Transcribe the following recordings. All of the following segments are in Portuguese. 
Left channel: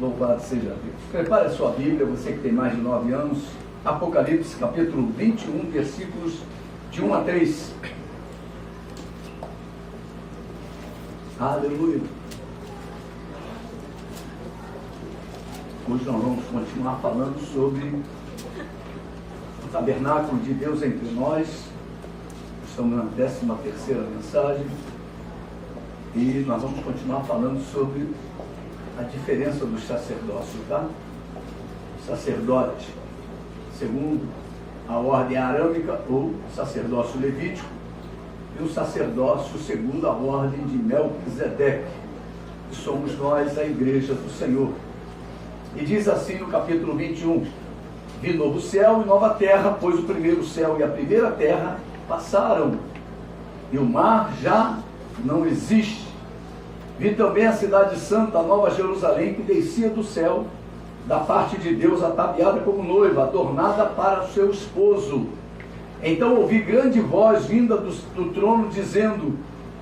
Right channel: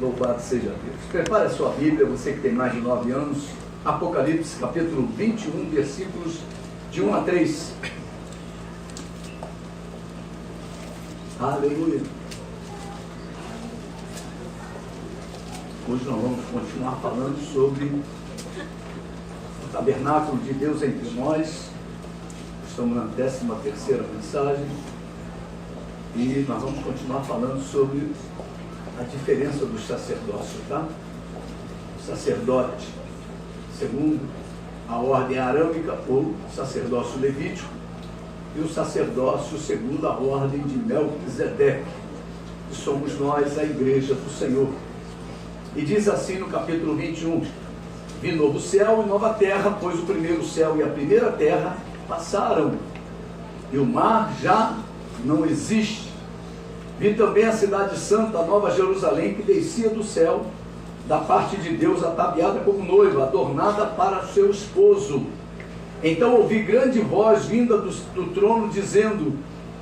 Louvado seja Deus. Prepare a sua Bíblia, você que tem mais de 9 anos. Apocalipse, capítulo 21, versículos de 1 a 3. Aleluia. Hoje nós vamos continuar falando sobre o tabernáculo de Deus entre nós. Estamos na 13ª mensagem. E nós vamos continuar falando sobre a diferença dos sacerdócios, tá? O sacerdote, segundo a ordem arâmica, ou sacerdócio levítico, e o sacerdócio segundo a ordem de Melquisedeque, que somos nós, a igreja do Senhor. E diz assim no capítulo 21, vi novo céu e nova terra, pois o primeiro céu e a primeira terra passaram, e o mar já não existe. Vi também a cidade santa, a nova Jerusalém, que descia do céu, da parte de Deus, ataviada como noiva, adornada para o seu esposo. Então ouvi grande voz vinda do trono, dizendo:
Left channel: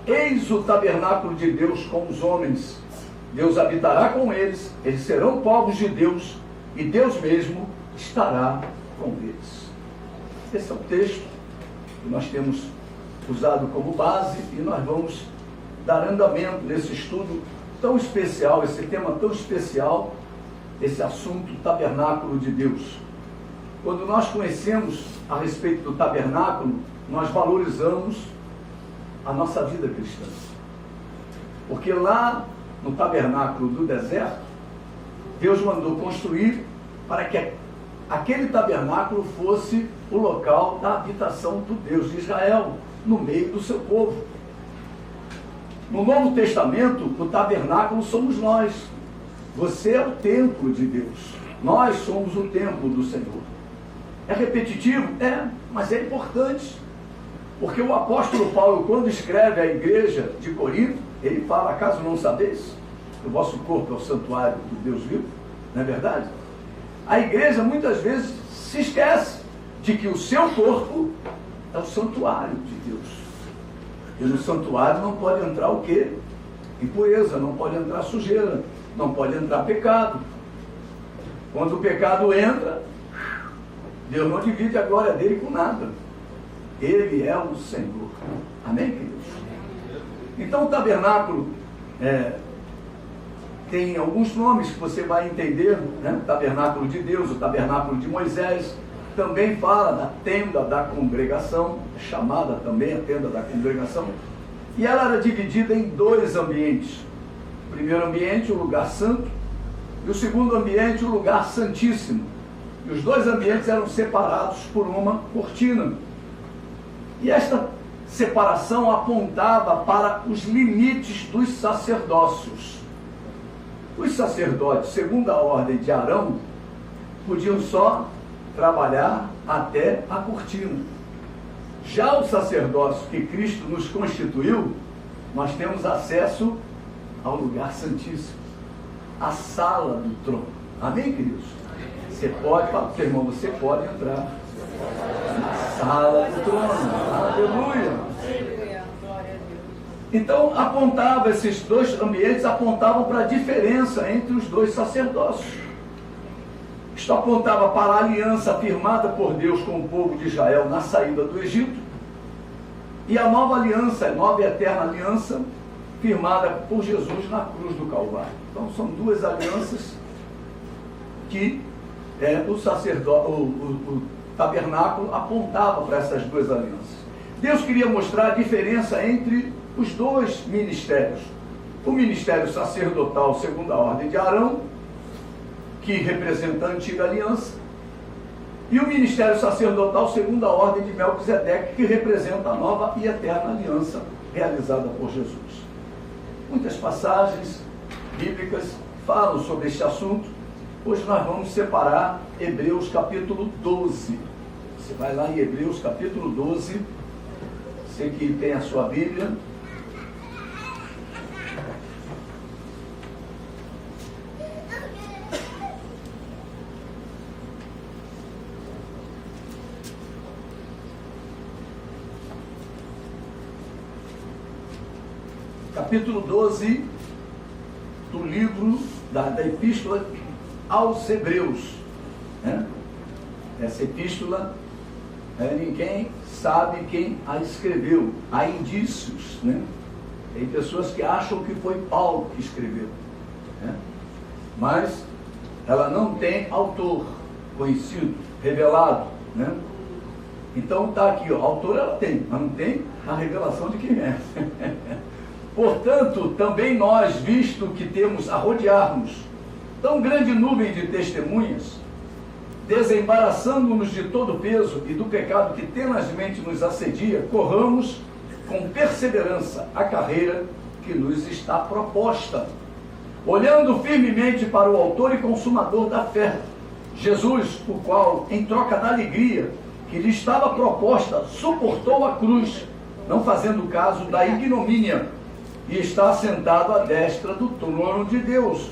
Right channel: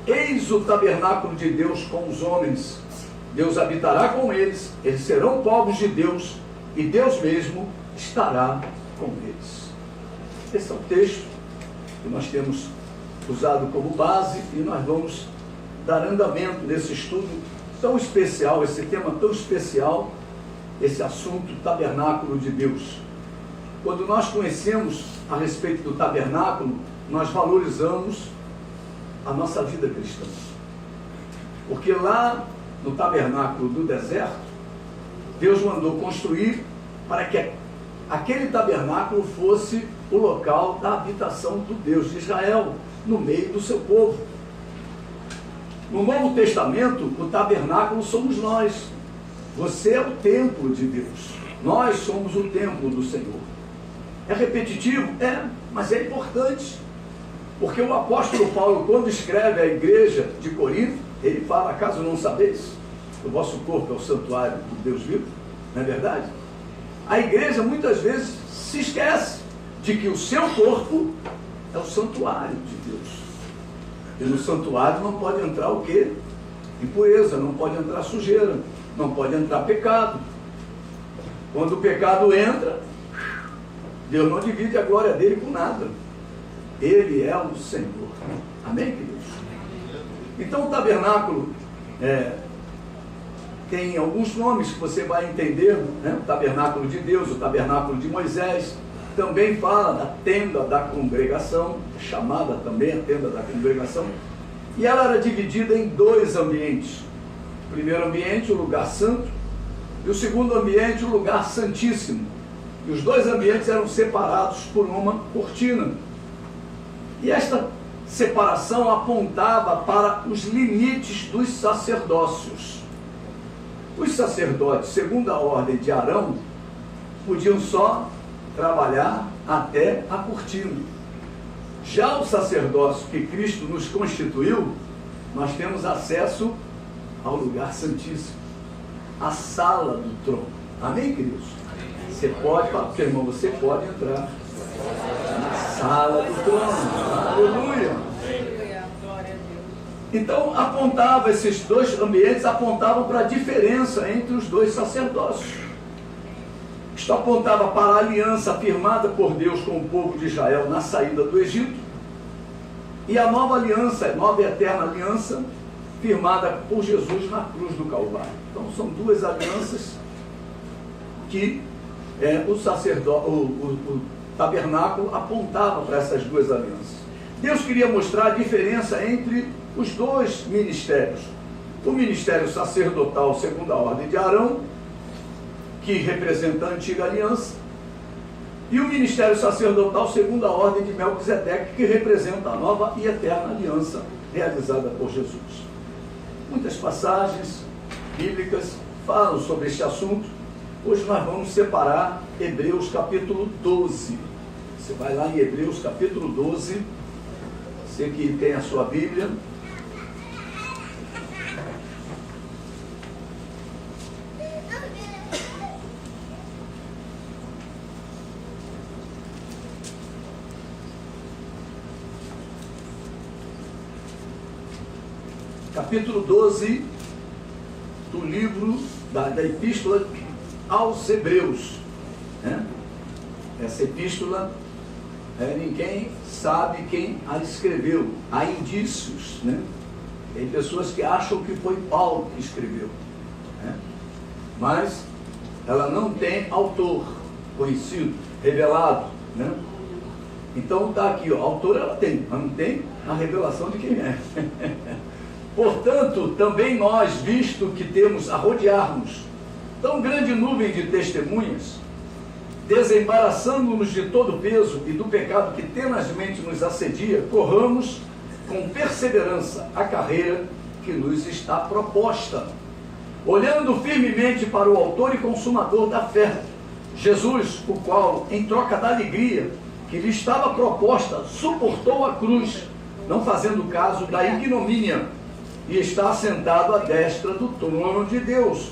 eis o tabernáculo de Deus com os homens. Deus habitará com eles, eles serão povos de Deus, e Deus mesmo estará com eles. Esse é o texto que nós temos usado como base, e nós vamos dar andamento nesse estudo tão especial, esse tema tão especial, esse assunto, tabernáculo de Deus. Quando nós conhecemos a respeito do tabernáculo, nós valorizamos a nossa vida cristã. Porque lá no tabernáculo do deserto, Deus mandou construir para que aquele tabernáculo fosse o local da habitação do Deus de Israel, no meio do seu povo. No Novo Testamento, o tabernáculo somos nós. Você é o templo de Deus. Nós somos o templo do Senhor. É repetitivo? É, mas é importante. Porque o apóstolo Paulo, quando escreve à igreja de Corinto, ele fala: acaso não sabeis que o vosso corpo é o santuário do Deus vivo? Não é verdade? A igreja muitas vezes se esquece de que o seu corpo é o santuário de Deus. E no santuário não pode entrar o quê? Impureza, não pode entrar sujeira, não pode entrar pecado. Quando o pecado entra, Deus não divide a glória dele com nada. Ele é o Senhor. Amém, queridos? Então o tabernáculo tem alguns nomes que você vai entender, né? O tabernáculo de Deus, o tabernáculo de Moisés. Também fala da tenda da congregação, chamada também a tenda da congregação, e ela era dividida em 2 ambientes. O primeiro ambiente, o lugar santo, e o segundo ambiente, o lugar santíssimo. E os 2 ambientes eram separados por uma cortina. E esta separação apontava para os limites dos sacerdócios. Os sacerdotes, segundo a ordem de Arão, podiam só trabalhar até a cortina. Já o sacerdócio que Cristo nos constituiu, nós temos acesso ao lugar santíssimo, à sala do trono. Amém, queridos? Você pode, fala para o seu irmão, você pode entrar na sala do trono. Aleluia! Glória a Deus. Então, esses 2 ambientes apontavam para a diferença entre os 2 sacerdócios. Isto apontava para a aliança firmada por Deus com o povo de Israel na saída do Egito, e a nova aliança, nova e eterna aliança, firmada por Jesus na cruz do Calvário. Então são 2 alianças que o tabernáculo apontava para essas 2 alianças. Deus queria mostrar a diferença entre os 2 ministérios. O ministério sacerdotal segundo a ordem de Arão, que representa a antiga aliança, e o ministério sacerdotal segundo a ordem de Melquisedeque, que representa a nova e eterna aliança realizada por Jesus. Muitas passagens bíblicas falam sobre este assunto. Hoje nós vamos separar Hebreus capítulo 12. Você vai lá em Hebreus capítulo 12, você que tem a sua Bíblia. Capítulo 12 do livro da epístola aos Hebreus, né? Essa epístola, ninguém sabe quem a escreveu. Há indícios, né? Tem pessoas que acham que foi Paulo que escreveu, né? Mas ela não tem autor conhecido, revelado, né? Então está aqui, ó, autor ela tem, mas não tem a revelação de quem é. Portanto, também nós, visto que temos a rodear-nos tão grande nuvem de testemunhas, desembaraçando-nos de todo o peso e do pecado que tenazmente nos assedia, corramos com perseverança a carreira que nos está proposta, olhando firmemente para o autor e consumador da fé, Jesus, o qual, em troca da alegria que lhe estava proposta, suportou a cruz, não fazendo caso da ignomínia, e está sentado à destra do trono de Deus.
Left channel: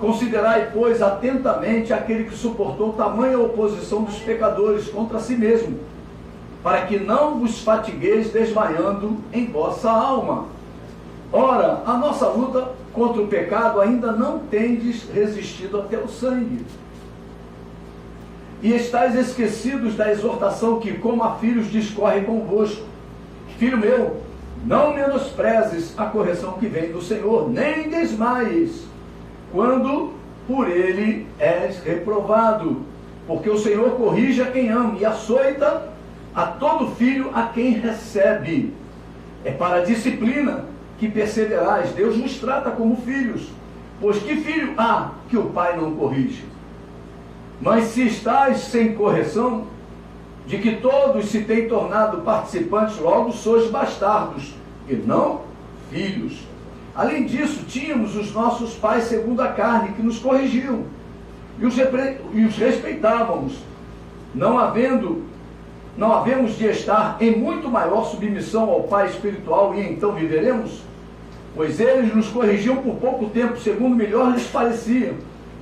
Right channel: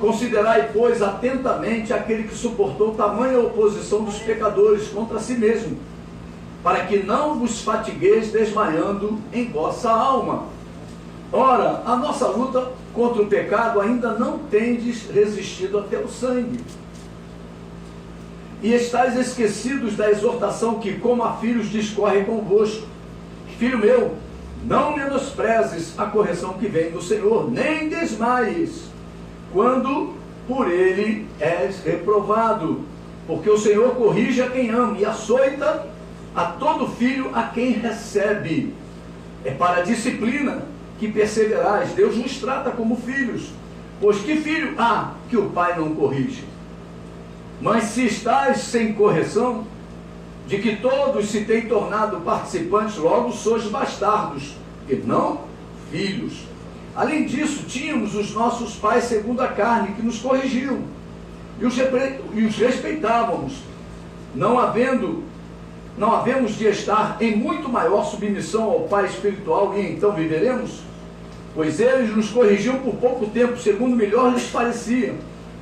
Considerai, pois, atentamente aquele que suportou tamanha oposição dos pecadores contra si mesmo, para que não vos fatigueis desmaiando em vossa alma. Ora, a nossa luta contra o pecado ainda não tendes resistido até o sangue. E estáis esquecidos da exortação que, como a filhos, discorre convosco. Filho meu, não menosprezes a correção que vem do Senhor, nem desmaies, quando por ele és reprovado. Porque o Senhor corrige a quem ama e açoita a todo filho a quem recebe. É para a disciplina que perseverais. Deus nos trata como filhos. Pois que filho há que o pai não corrige? Mas se estáis sem correção, de que todos se têm tornado participantes, logo sois bastardos, e não filhos. Além disso, tínhamos os nossos pais segundo a carne, que nos corrigiam, e os respeitávamos, não havemos de estar em muito maior submissão ao Pai espiritual, e então viveremos? Pois eles nos corrigiam por pouco tempo, segundo melhor lhes parecia.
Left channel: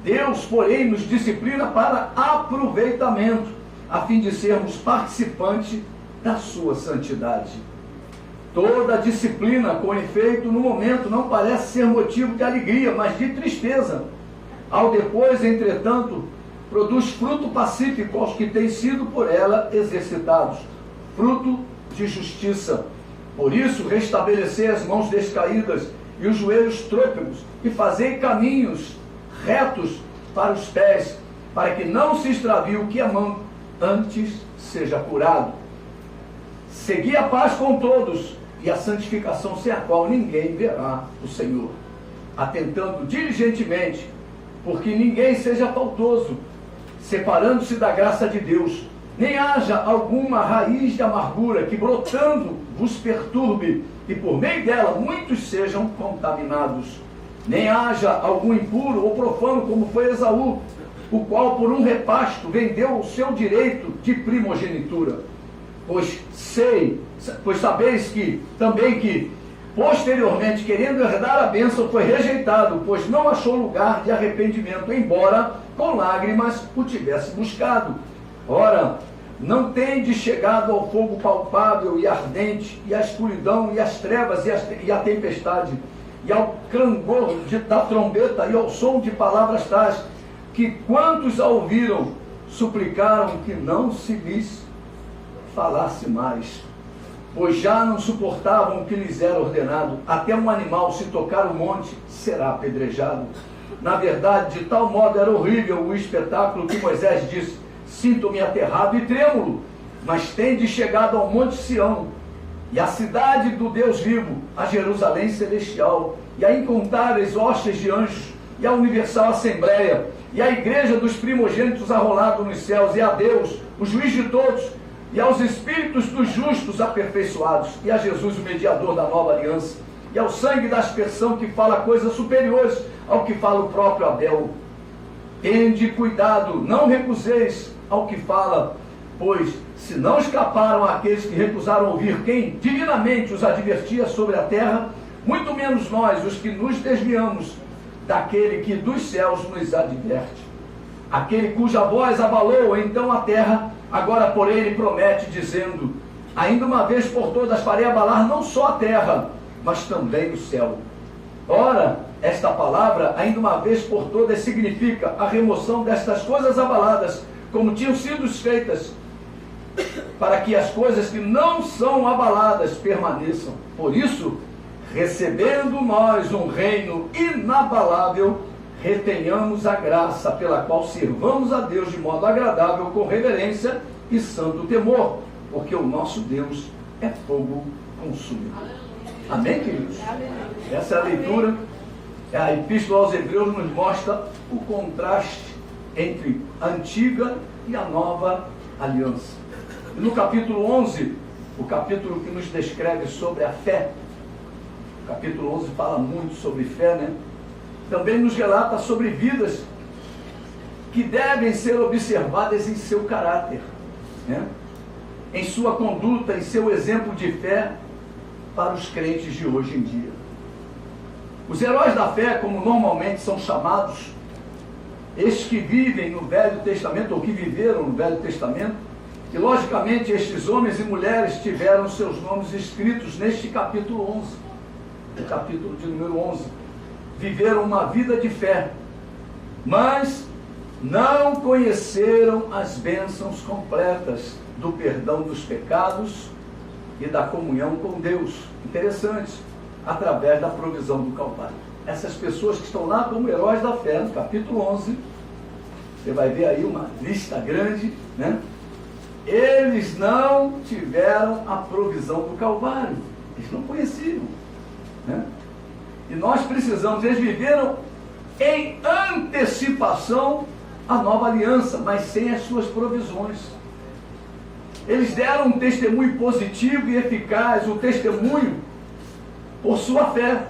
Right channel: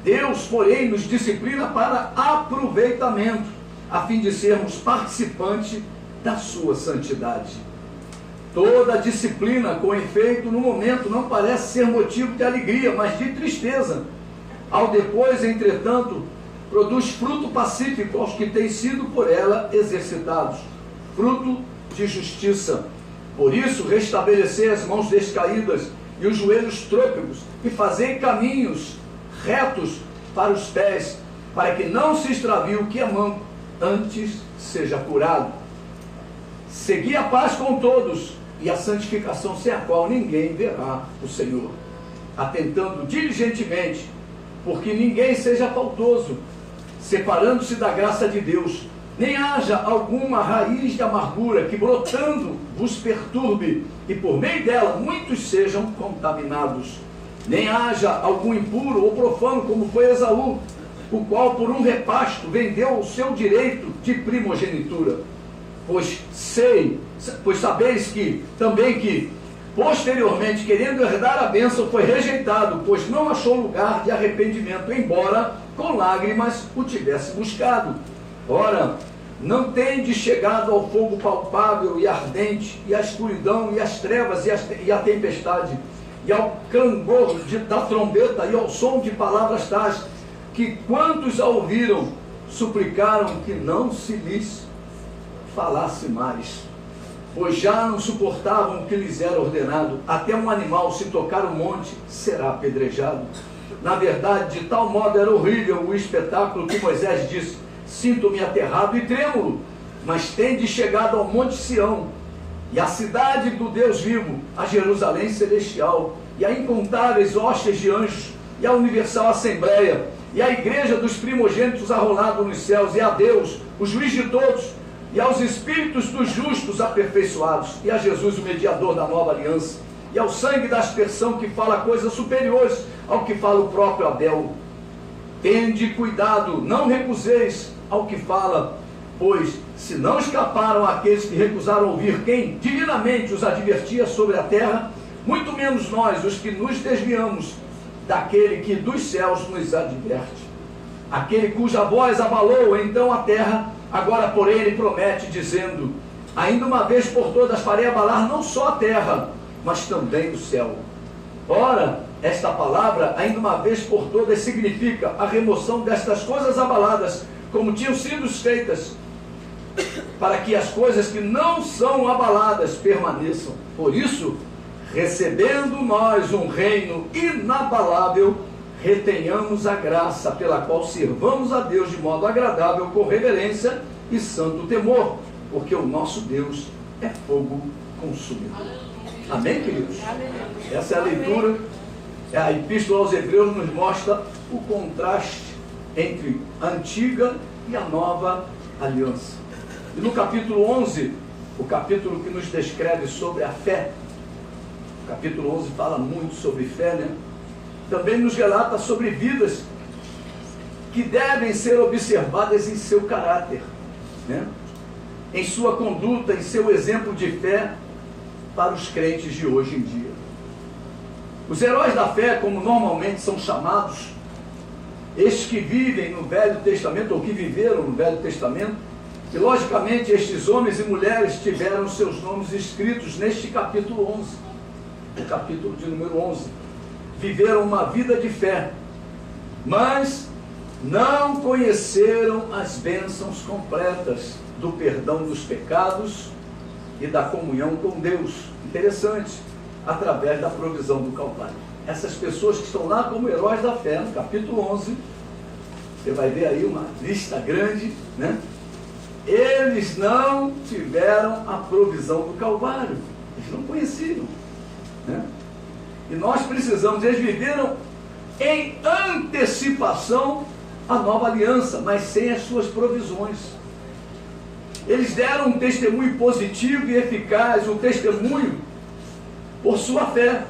Deus, porém, nos disciplina para aproveitamento, a fim de sermos participantes da sua santidade. Toda disciplina, com efeito, no momento, não parece ser motivo de alegria, mas de tristeza. Ao depois, entretanto, produz fruto pacífico aos que têm sido por ela exercitados, fruto de justiça. Por isso, restabelecei as mãos descaídas e os joelhos trôpegos, e fazei caminhos retos para os pés, para que não se extravie o que é manco, antes seja curado. Segui a paz com todos, e a santificação, sem a qual ninguém verá o Senhor, atentando diligentemente, porque ninguém seja faltoso, separando-se da graça de Deus, nem haja alguma raiz de amargura que brotando vos perturbe, e por meio dela muitos sejam contaminados. Nem haja algum impuro ou profano, como foi Esaú, o qual por um repasto vendeu o seu direito de primogenitura. Pois sabeis que posteriormente, querendo herdar a bênção, foi rejeitado, pois não achou lugar de arrependimento, embora com lágrimas o tivesse buscado. Ora, não tendes chegado ao fogo palpável e ardente, e à escuridão, e às trevas, e à tempestade, e ao clangor da trombeta, e ao som de palavras tais, que quantos a ouviram, suplicaram que não se lhes falasse mais, pois já não suportavam o que lhes era ordenado. Até um animal, se tocar o monte, será apedrejado. Na verdade, de tal modo era horrível o espetáculo que Moisés disse: sinto-me aterrado e trêmulo. Mas tendes chegado ao monte Sião, e à cidade do Deus vivo, a Jerusalém celestial, e a incontáveis hostes de anjos, e a universal assembleia, e a igreja dos primogênitos arrolado nos céus, e a Deus, o juiz de todos, e aos espíritos dos justos aperfeiçoados, e a Jesus, o mediador da nova aliança, e ao sangue da aspersão que fala coisas superiores ao que fala o próprio Abel. Tende cuidado, não recuseis ao que fala, pois se não escaparam aqueles que recusaram ouvir quem divinamente os advertia sobre a terra, muito menos nós, os que nos desviamos daquele que dos céus nos adverte. Aquele cuja voz abalou então a terra, agora porém ele promete, dizendo: ainda uma vez por todas farei abalar não só a terra, mas também o céu. Ora, Esta palavra, ainda uma vez por todas, significa a remoção destas coisas abaladas, como tinham sido feitas, para que as coisas que não são abaladas permaneçam. Por isso, recebendo nós um reino inabalável, retenhamos a graça pela qual sirvamos a Deus de modo agradável, com reverência e santo temor, porque o nosso Deus é fogo consumidor. Amém, queridos? Essa é a leitura. A Epístola aos Hebreus nos mostra o contraste entre a antiga e a nova aliança. E no capítulo 11, o capítulo que nos descreve sobre a fé, o capítulo 11 fala muito sobre fé, né? Também nos relata sobre vidas que devem ser observadas em seu caráter, né? Em sua conduta, em seu exemplo de fé para os crentes de hoje em dia. Os heróis da fé, como normalmente são chamados, estes que vivem no Velho Testamento, ou que viveram no Velho Testamento, e logicamente estes homens e mulheres tiveram seus nomes escritos neste capítulo 11, o capítulo de número 11. Viveram uma vida de fé, mas não conheceram as bênçãos completas do perdão dos pecados e da comunhão com Deus. Interessante, através da provisão do Calvário. Essas pessoas que estão lá como heróis da fé, no capítulo 11, você vai ver aí uma lista grande, né? Eles não tiveram a provisão do Calvário, eles não conheciam, né? E nós precisamos, eles viveram em antecipação à nova aliança, mas sem as suas provisões. Eles deram um testemunho positivo e eficaz, um testemunho por sua fé,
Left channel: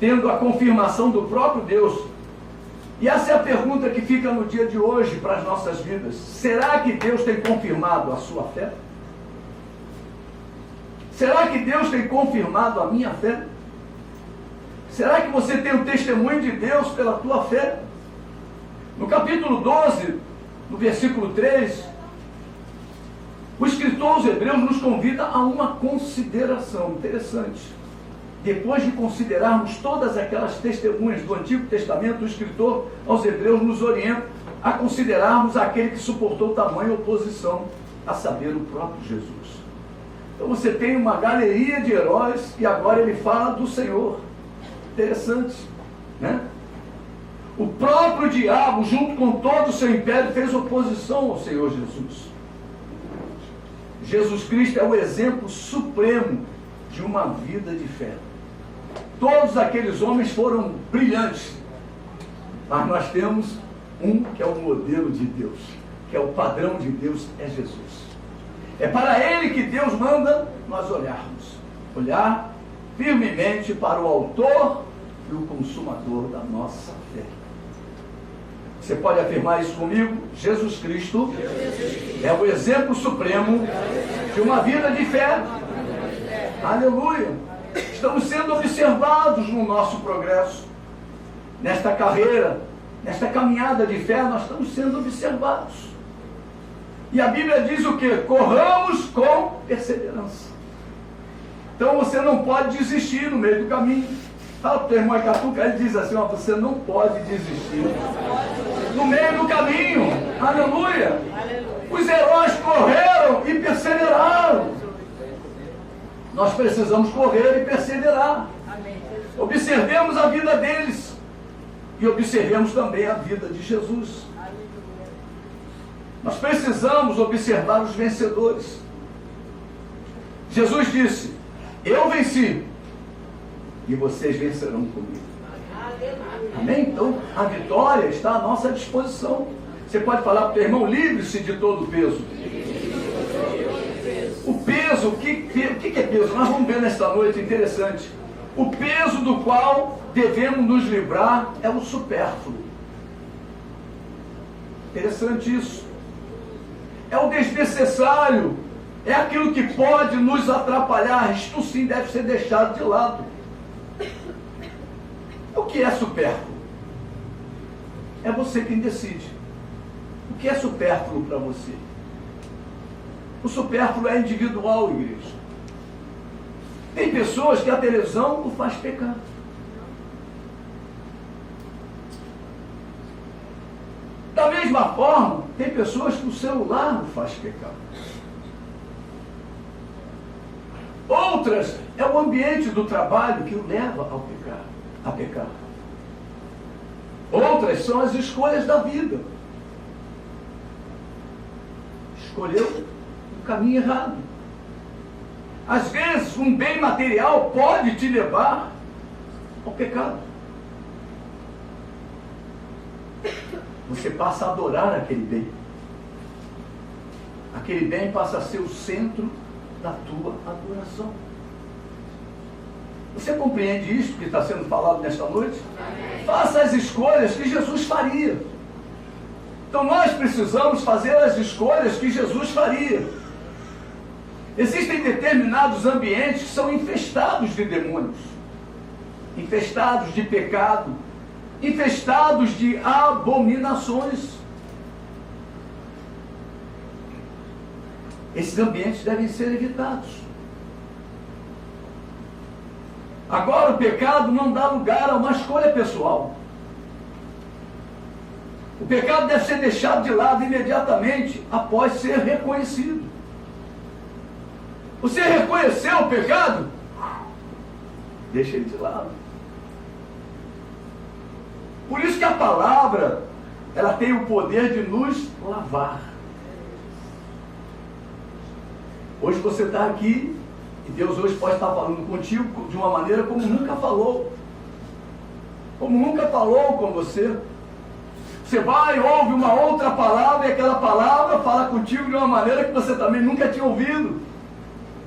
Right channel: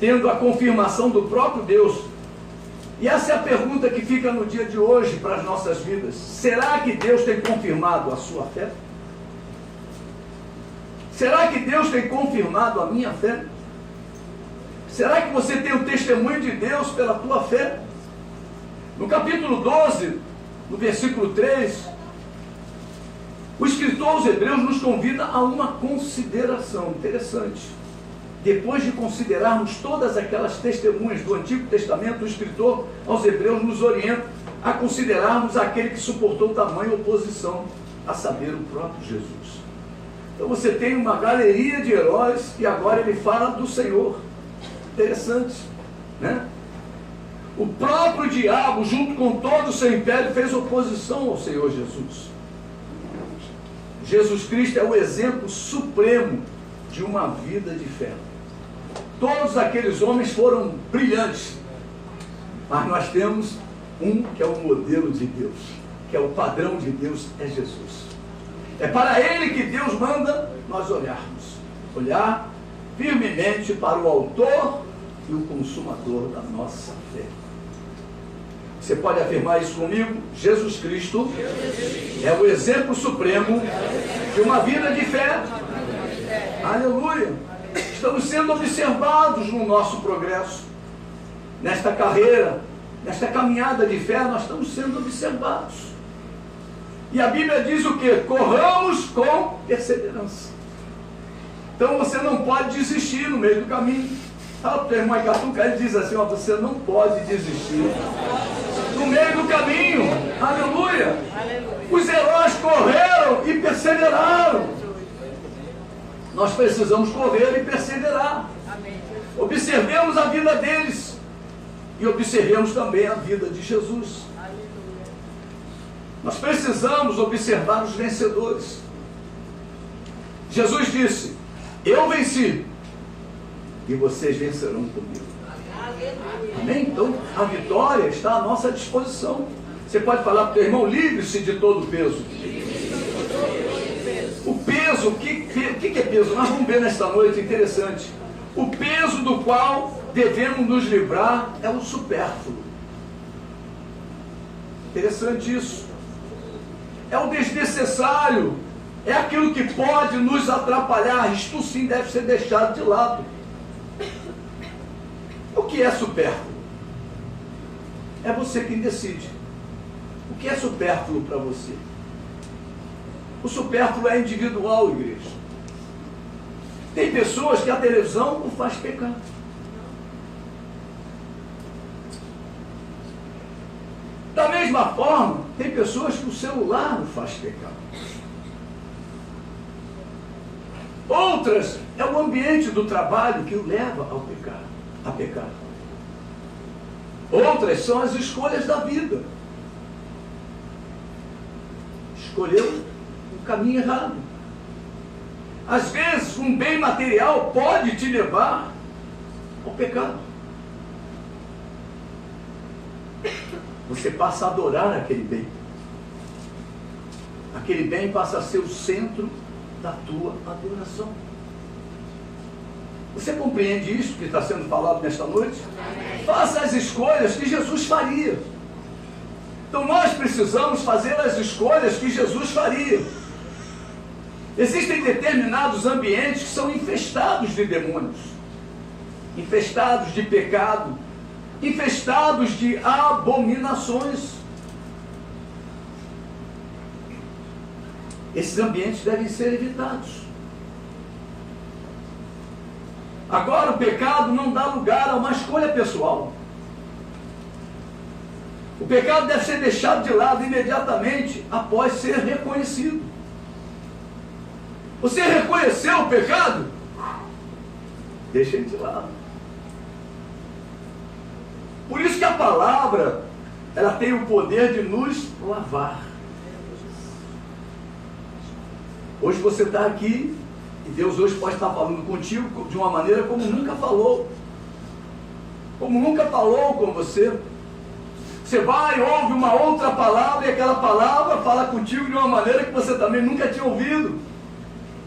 tendo a confirmação do próprio Deus. E essa é a pergunta que fica no dia de hoje para as nossas vidas. Será que Deus tem confirmado a sua fé? Será que Deus tem confirmado a minha fé? Será que você tem o testemunho de Deus pela tua fé? No capítulo 12, no versículo 3, o escritor aos Hebreus nos convida a uma consideração interessante. Depois de considerarmos todas aquelas testemunhas do Antigo Testamento, o escritor aos Hebreus nos orienta a considerarmos aquele que suportou tamanha oposição, a saber, o próprio Jesus. Então você tem uma galeria de heróis e agora ele fala do Senhor. Interessante, né? O próprio diabo, junto com todo o seu império, fez oposição ao Senhor Jesus. Jesus Cristo é o exemplo supremo de uma vida de fé. Todos aqueles homens foram brilhantes, mas nós temos um que é o modelo de Deus, que é o padrão de Deus, é Jesus. É para ele que Deus manda nós olhar firmemente para o autor e o consumador da nossa fé. Você pode afirmar isso comigo? Jesus Cristo é o exemplo supremo de uma vida de fé. Aleluia! Estamos sendo observados no nosso progresso. Nesta carreira, nesta caminhada de fé, nós estamos sendo observados. E a Bíblia diz o quê? Corramos com perseverança. Então você não pode desistir no meio do caminho. Fala para o teu irmão Icatuca, ele diz assim, ó, você não pode desistir no meio do caminho. Aleluia! Os heróis correram e perseveraram. Nós precisamos correr e perseverar. Observemos a vida deles e observemos também a vida de Jesus. Nós precisamos observar os vencedores. Jesus disse, eu venci e vocês vencerão comigo. Amém? Então a vitória está à nossa disposição. Você pode falar para o teu irmão, livre-se de todo o peso. O peso, o que é peso? Nós vamos ver nesta noite, interessante. O peso do qual devemos nos livrar é o supérfluo. Interessante isso. É o desnecessário. É aquilo que pode nos atrapalhar. Isto sim deve ser deixado de lado. O que é supérfluo? É você quem decide. O que é supérfluo para você? O supérfluo é individual, igreja. Tem pessoas que a televisão o faz pecar. mesma forma, tem pessoas que o celular o faz pecar. Outras, é o ambiente do trabalho que o leva a pecar. Outras são as escolhas da vida. Escolheu um caminho errado. Às vezes, um bem material pode te levar ao pecado. Você passa a adorar aquele bem. Aquele bem passa a ser o centro da tua adoração. Você compreende isso que está sendo falado nesta noite? Faça as escolhas que Jesus faria. Então nós precisamos fazer as escolhas que Jesus faria. Existem determinados ambientes que são infestados de demônios, infestados de pecado, infestados de abominações. Esses ambientes devem ser evitados. Agora, o pecado não dá lugar a uma escolha pessoal. O pecado deve ser deixado de lado imediatamente após ser reconhecido. Você reconheceu o pecado? Deixa ele de lado. Por isso que a palavra, ela tem o poder de nos lavar. Hoje você está aqui e Deus hoje pode estar falando contigo de uma maneira como nunca falou. Como nunca falou com você. Você vai, ouve uma outra palavra e aquela palavra fala contigo de uma maneira que você também nunca tinha ouvido.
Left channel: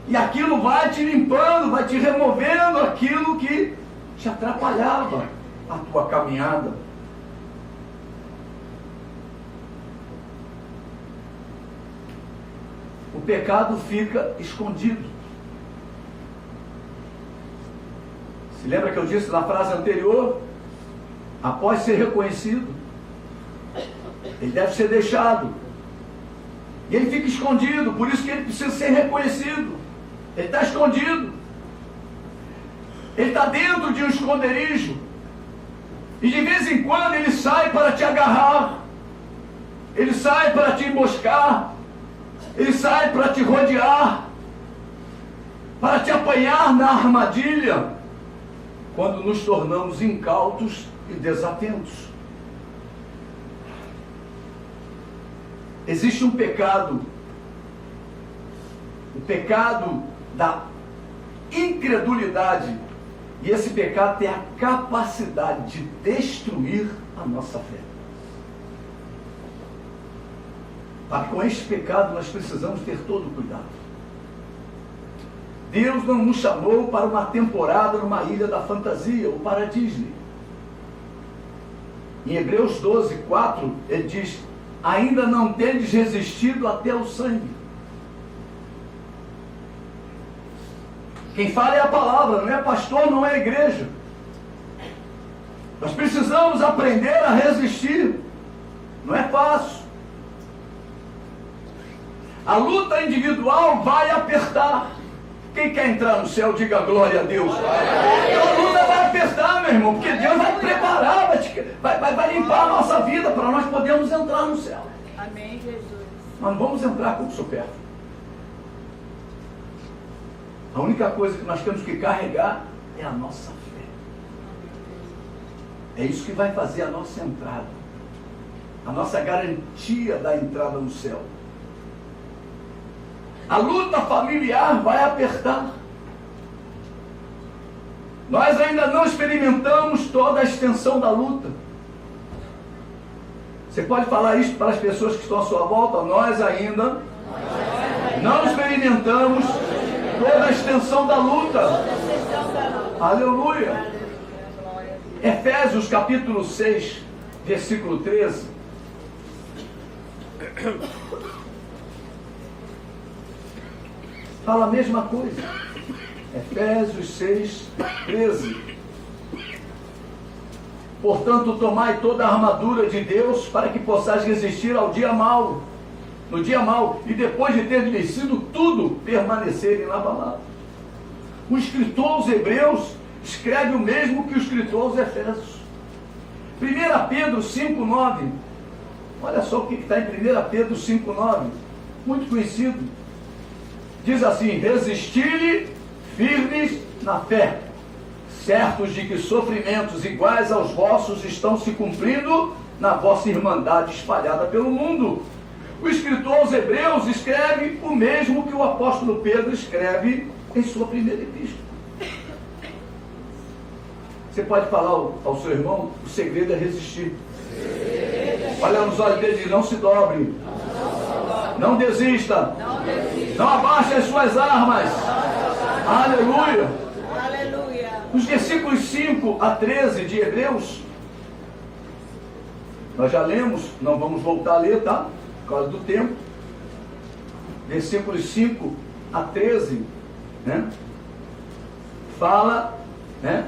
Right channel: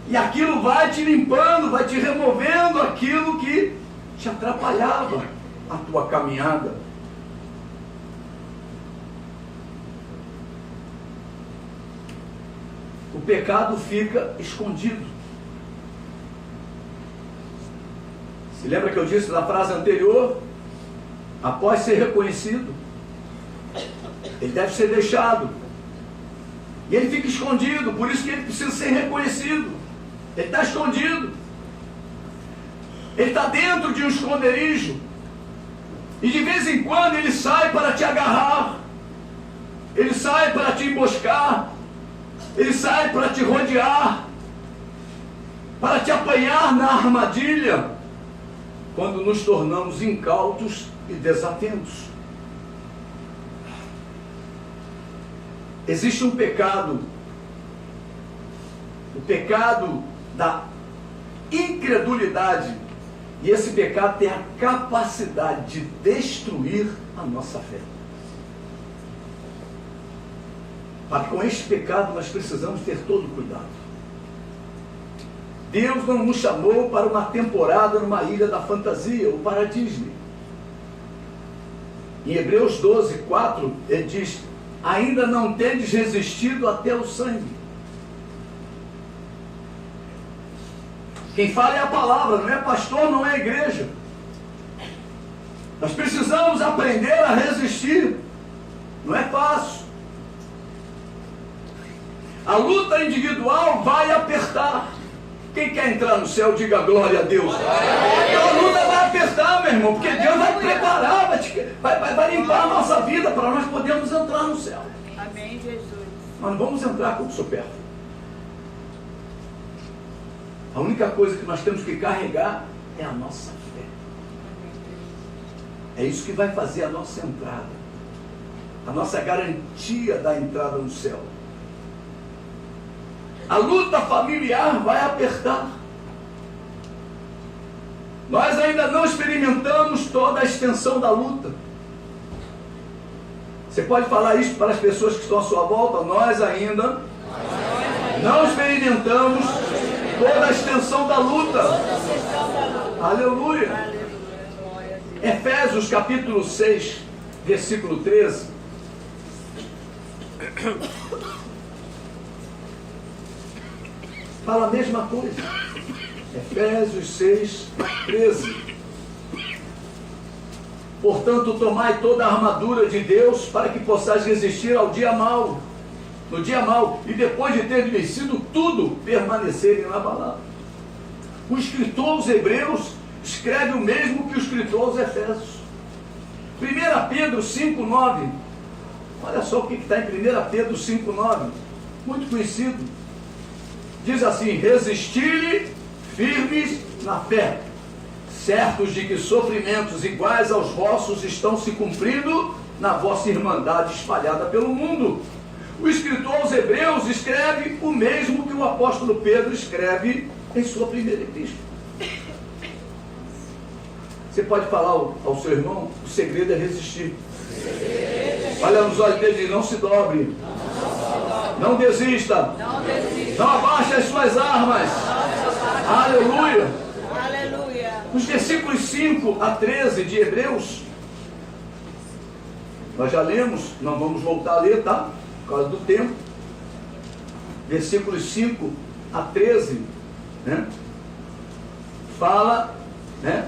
E aquilo vai te limpando, vai te removendo aquilo que te atrapalhava a tua caminhada. O pecado fica escondido. Se lembra que eu disse na frase anterior? Após ser reconhecido, ele deve ser deixado. E ele fica escondido, por isso que ele precisa ser reconhecido. Ele está escondido. Ele está dentro de um esconderijo. E de vez em quando ele sai para te agarrar. Ele sai para te emboscar. Ele sai para te rodear. Para te apanhar na armadilha. Quando nos tornamos incautos e desatentos. Existe um pecado. O pecado da incredulidade. E esse pecado tem a capacidade de destruir a nossa fé. Mas com este pecado nós precisamos ter todo cuidado. Deus não nos chamou para uma temporada numa ilha da fantasia ou para a Disney. Em Hebreus 12, 4, ele diz: ainda não tendes resistido até o sangue. Quem fala é a palavra, não é pastor, não é a igreja. Nós precisamos aprender a resistir. Não é fácil. A luta individual vai apertar. Quem quer entrar no céu, diga glória a Deus. A luta vai apertar, meu irmão, porque Deus vai preparar, vai limpar a nossa vida para nós podermos entrar no céu. Amém, Jesus. Nós não vamos entrar com o pé. A única coisa que nós temos que carregar é a nossa fé. É isso que vai fazer a nossa entrada. A nossa garantia da entrada no céu. A luta familiar vai apertar. Nós ainda não experimentamos toda a extensão da luta. Você pode falar isso para as pessoas que estão à sua volta? Nós ainda não experimentamos toda a extensão da luta. Aleluia. Efésios capítulo 6, versículo 13. Fala a mesma coisa. Efésios 6, 13. Portanto, tomai toda a armadura de Deus para que possais resistir ao dia mau. No dia mau. E depois de ter vencido tudo, permanecer inabalável. O escritor aos Hebreus escreve o mesmo que o escritor aos Efésios. 1 Pedro 5, 9. Olha só o que está em 1 Pedro 5,9, muito conhecido. Diz assim: resisti-lhe firmes na fé, certos de que sofrimentos iguais aos vossos estão se cumprindo na vossa irmandade espalhada pelo mundo. O escritor aos Hebreus escreve o mesmo que o apóstolo Pedro escreve em sua primeira epístola. Você pode falar ao seu irmão: o segredo é resistir. Olha nos olhos dele e diz: não se dobre, não desista, não abaixe as suas armas. Aleluia. Aleluia. Nos versículos 5 a 13 de Hebreus, nós já lemos, não vamos voltar a ler, tá? Por causa do tempo. Versículos 5 a 13, né? Fala, né,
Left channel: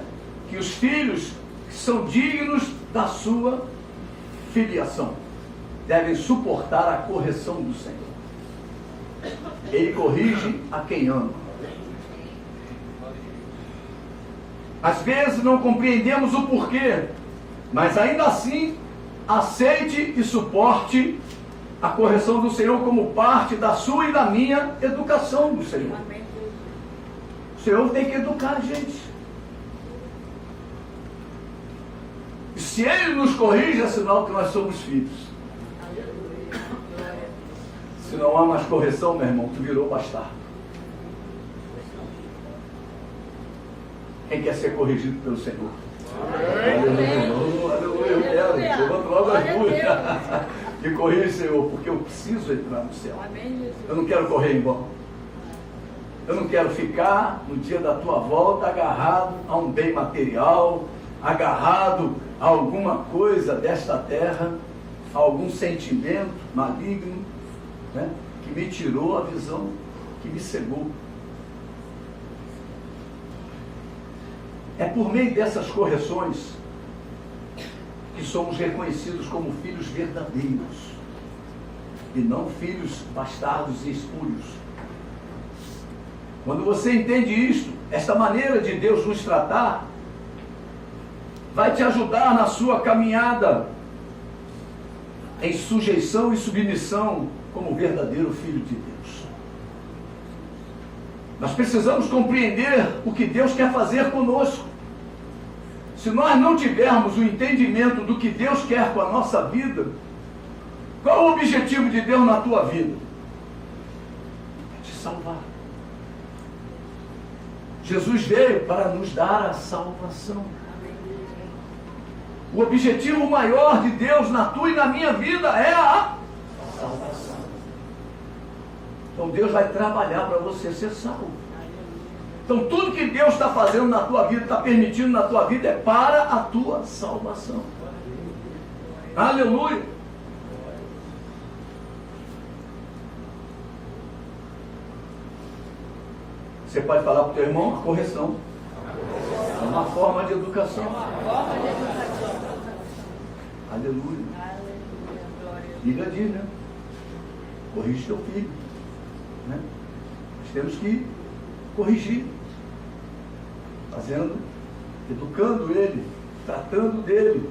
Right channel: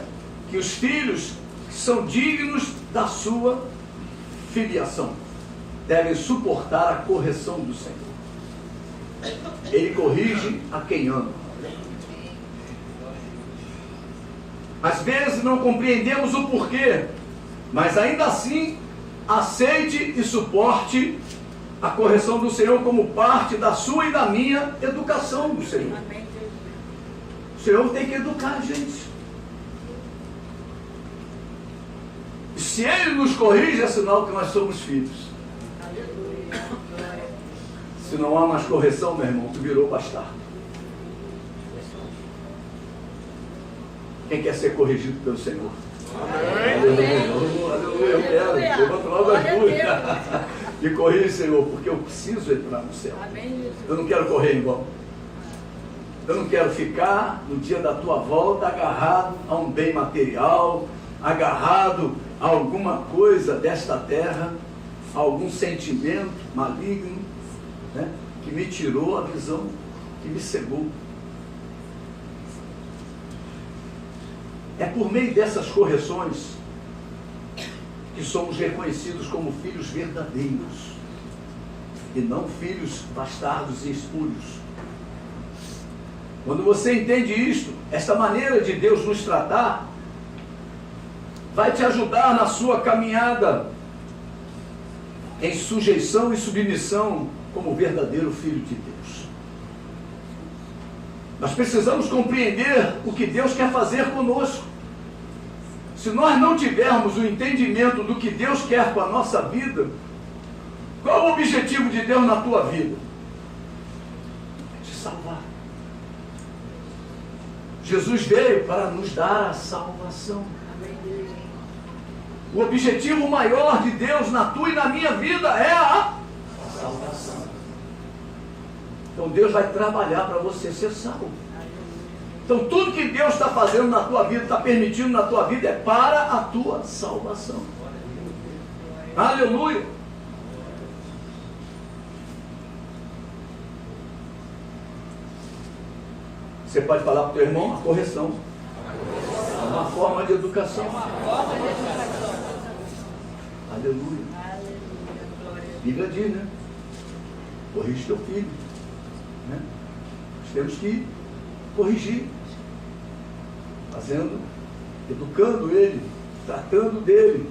que os filhos que são dignos da sua filiação devem suportar a correção do Senhor. Ele corrige a quem ama. Às vezes não compreendemos o porquê, mas ainda assim aceite e suporte a correção do Senhor como parte da sua e da minha educação do Senhor. Amém, Jesus. O Senhor tem que educar a gente. E se Ele nos corrige, é sinal que nós somos filhos. Aleluia. Glória. Se não há mais correção, meu irmão, tu virou bastardo. Quem quer ser corrigido pelo Senhor? Amém. Aleluia. Eu quero. Levanta logo as duas. Me corrija, Senhor, porque eu preciso entrar no céu. Amém, Jesus. Eu não quero correr em vão. Eu não quero ficar no dia da tua volta agarrado a um bem material, agarrado a alguma coisa desta terra, a algum sentimento maligno, né, que me tirou a visão, que me cegou. É por meio dessas correções que somos reconhecidos como filhos verdadeiros e não filhos bastardos e espúrios. Quando você entende isto, esta maneira de Deus nos tratar vai te ajudar na sua caminhada em sujeição e submissão como verdadeiro filho de Deus. Nós precisamos compreender o que Deus quer fazer conosco. Se nós não tivermos o entendimento do que Deus quer com a nossa vida, qual é o objetivo de Deus na tua vida? É te salvar. Jesus veio para nos dar a salvação. Amém, Jesus. O objetivo maior de Deus na tua e na minha vida é a salvação. Então Deus vai trabalhar para você ser salvo. Então tudo que Deus está fazendo na tua vida, está permitindo na tua vida, é para a tua salvação. Aleluia. Você pode falar para o teu irmão: a correção é uma forma de educação. Forma de educação. Aleluia. Aleluia. Glória a Deus. A Bíblia diz, né? Corrige teu filho, né? Nós temos que corrigir, educando ele, tratando dele,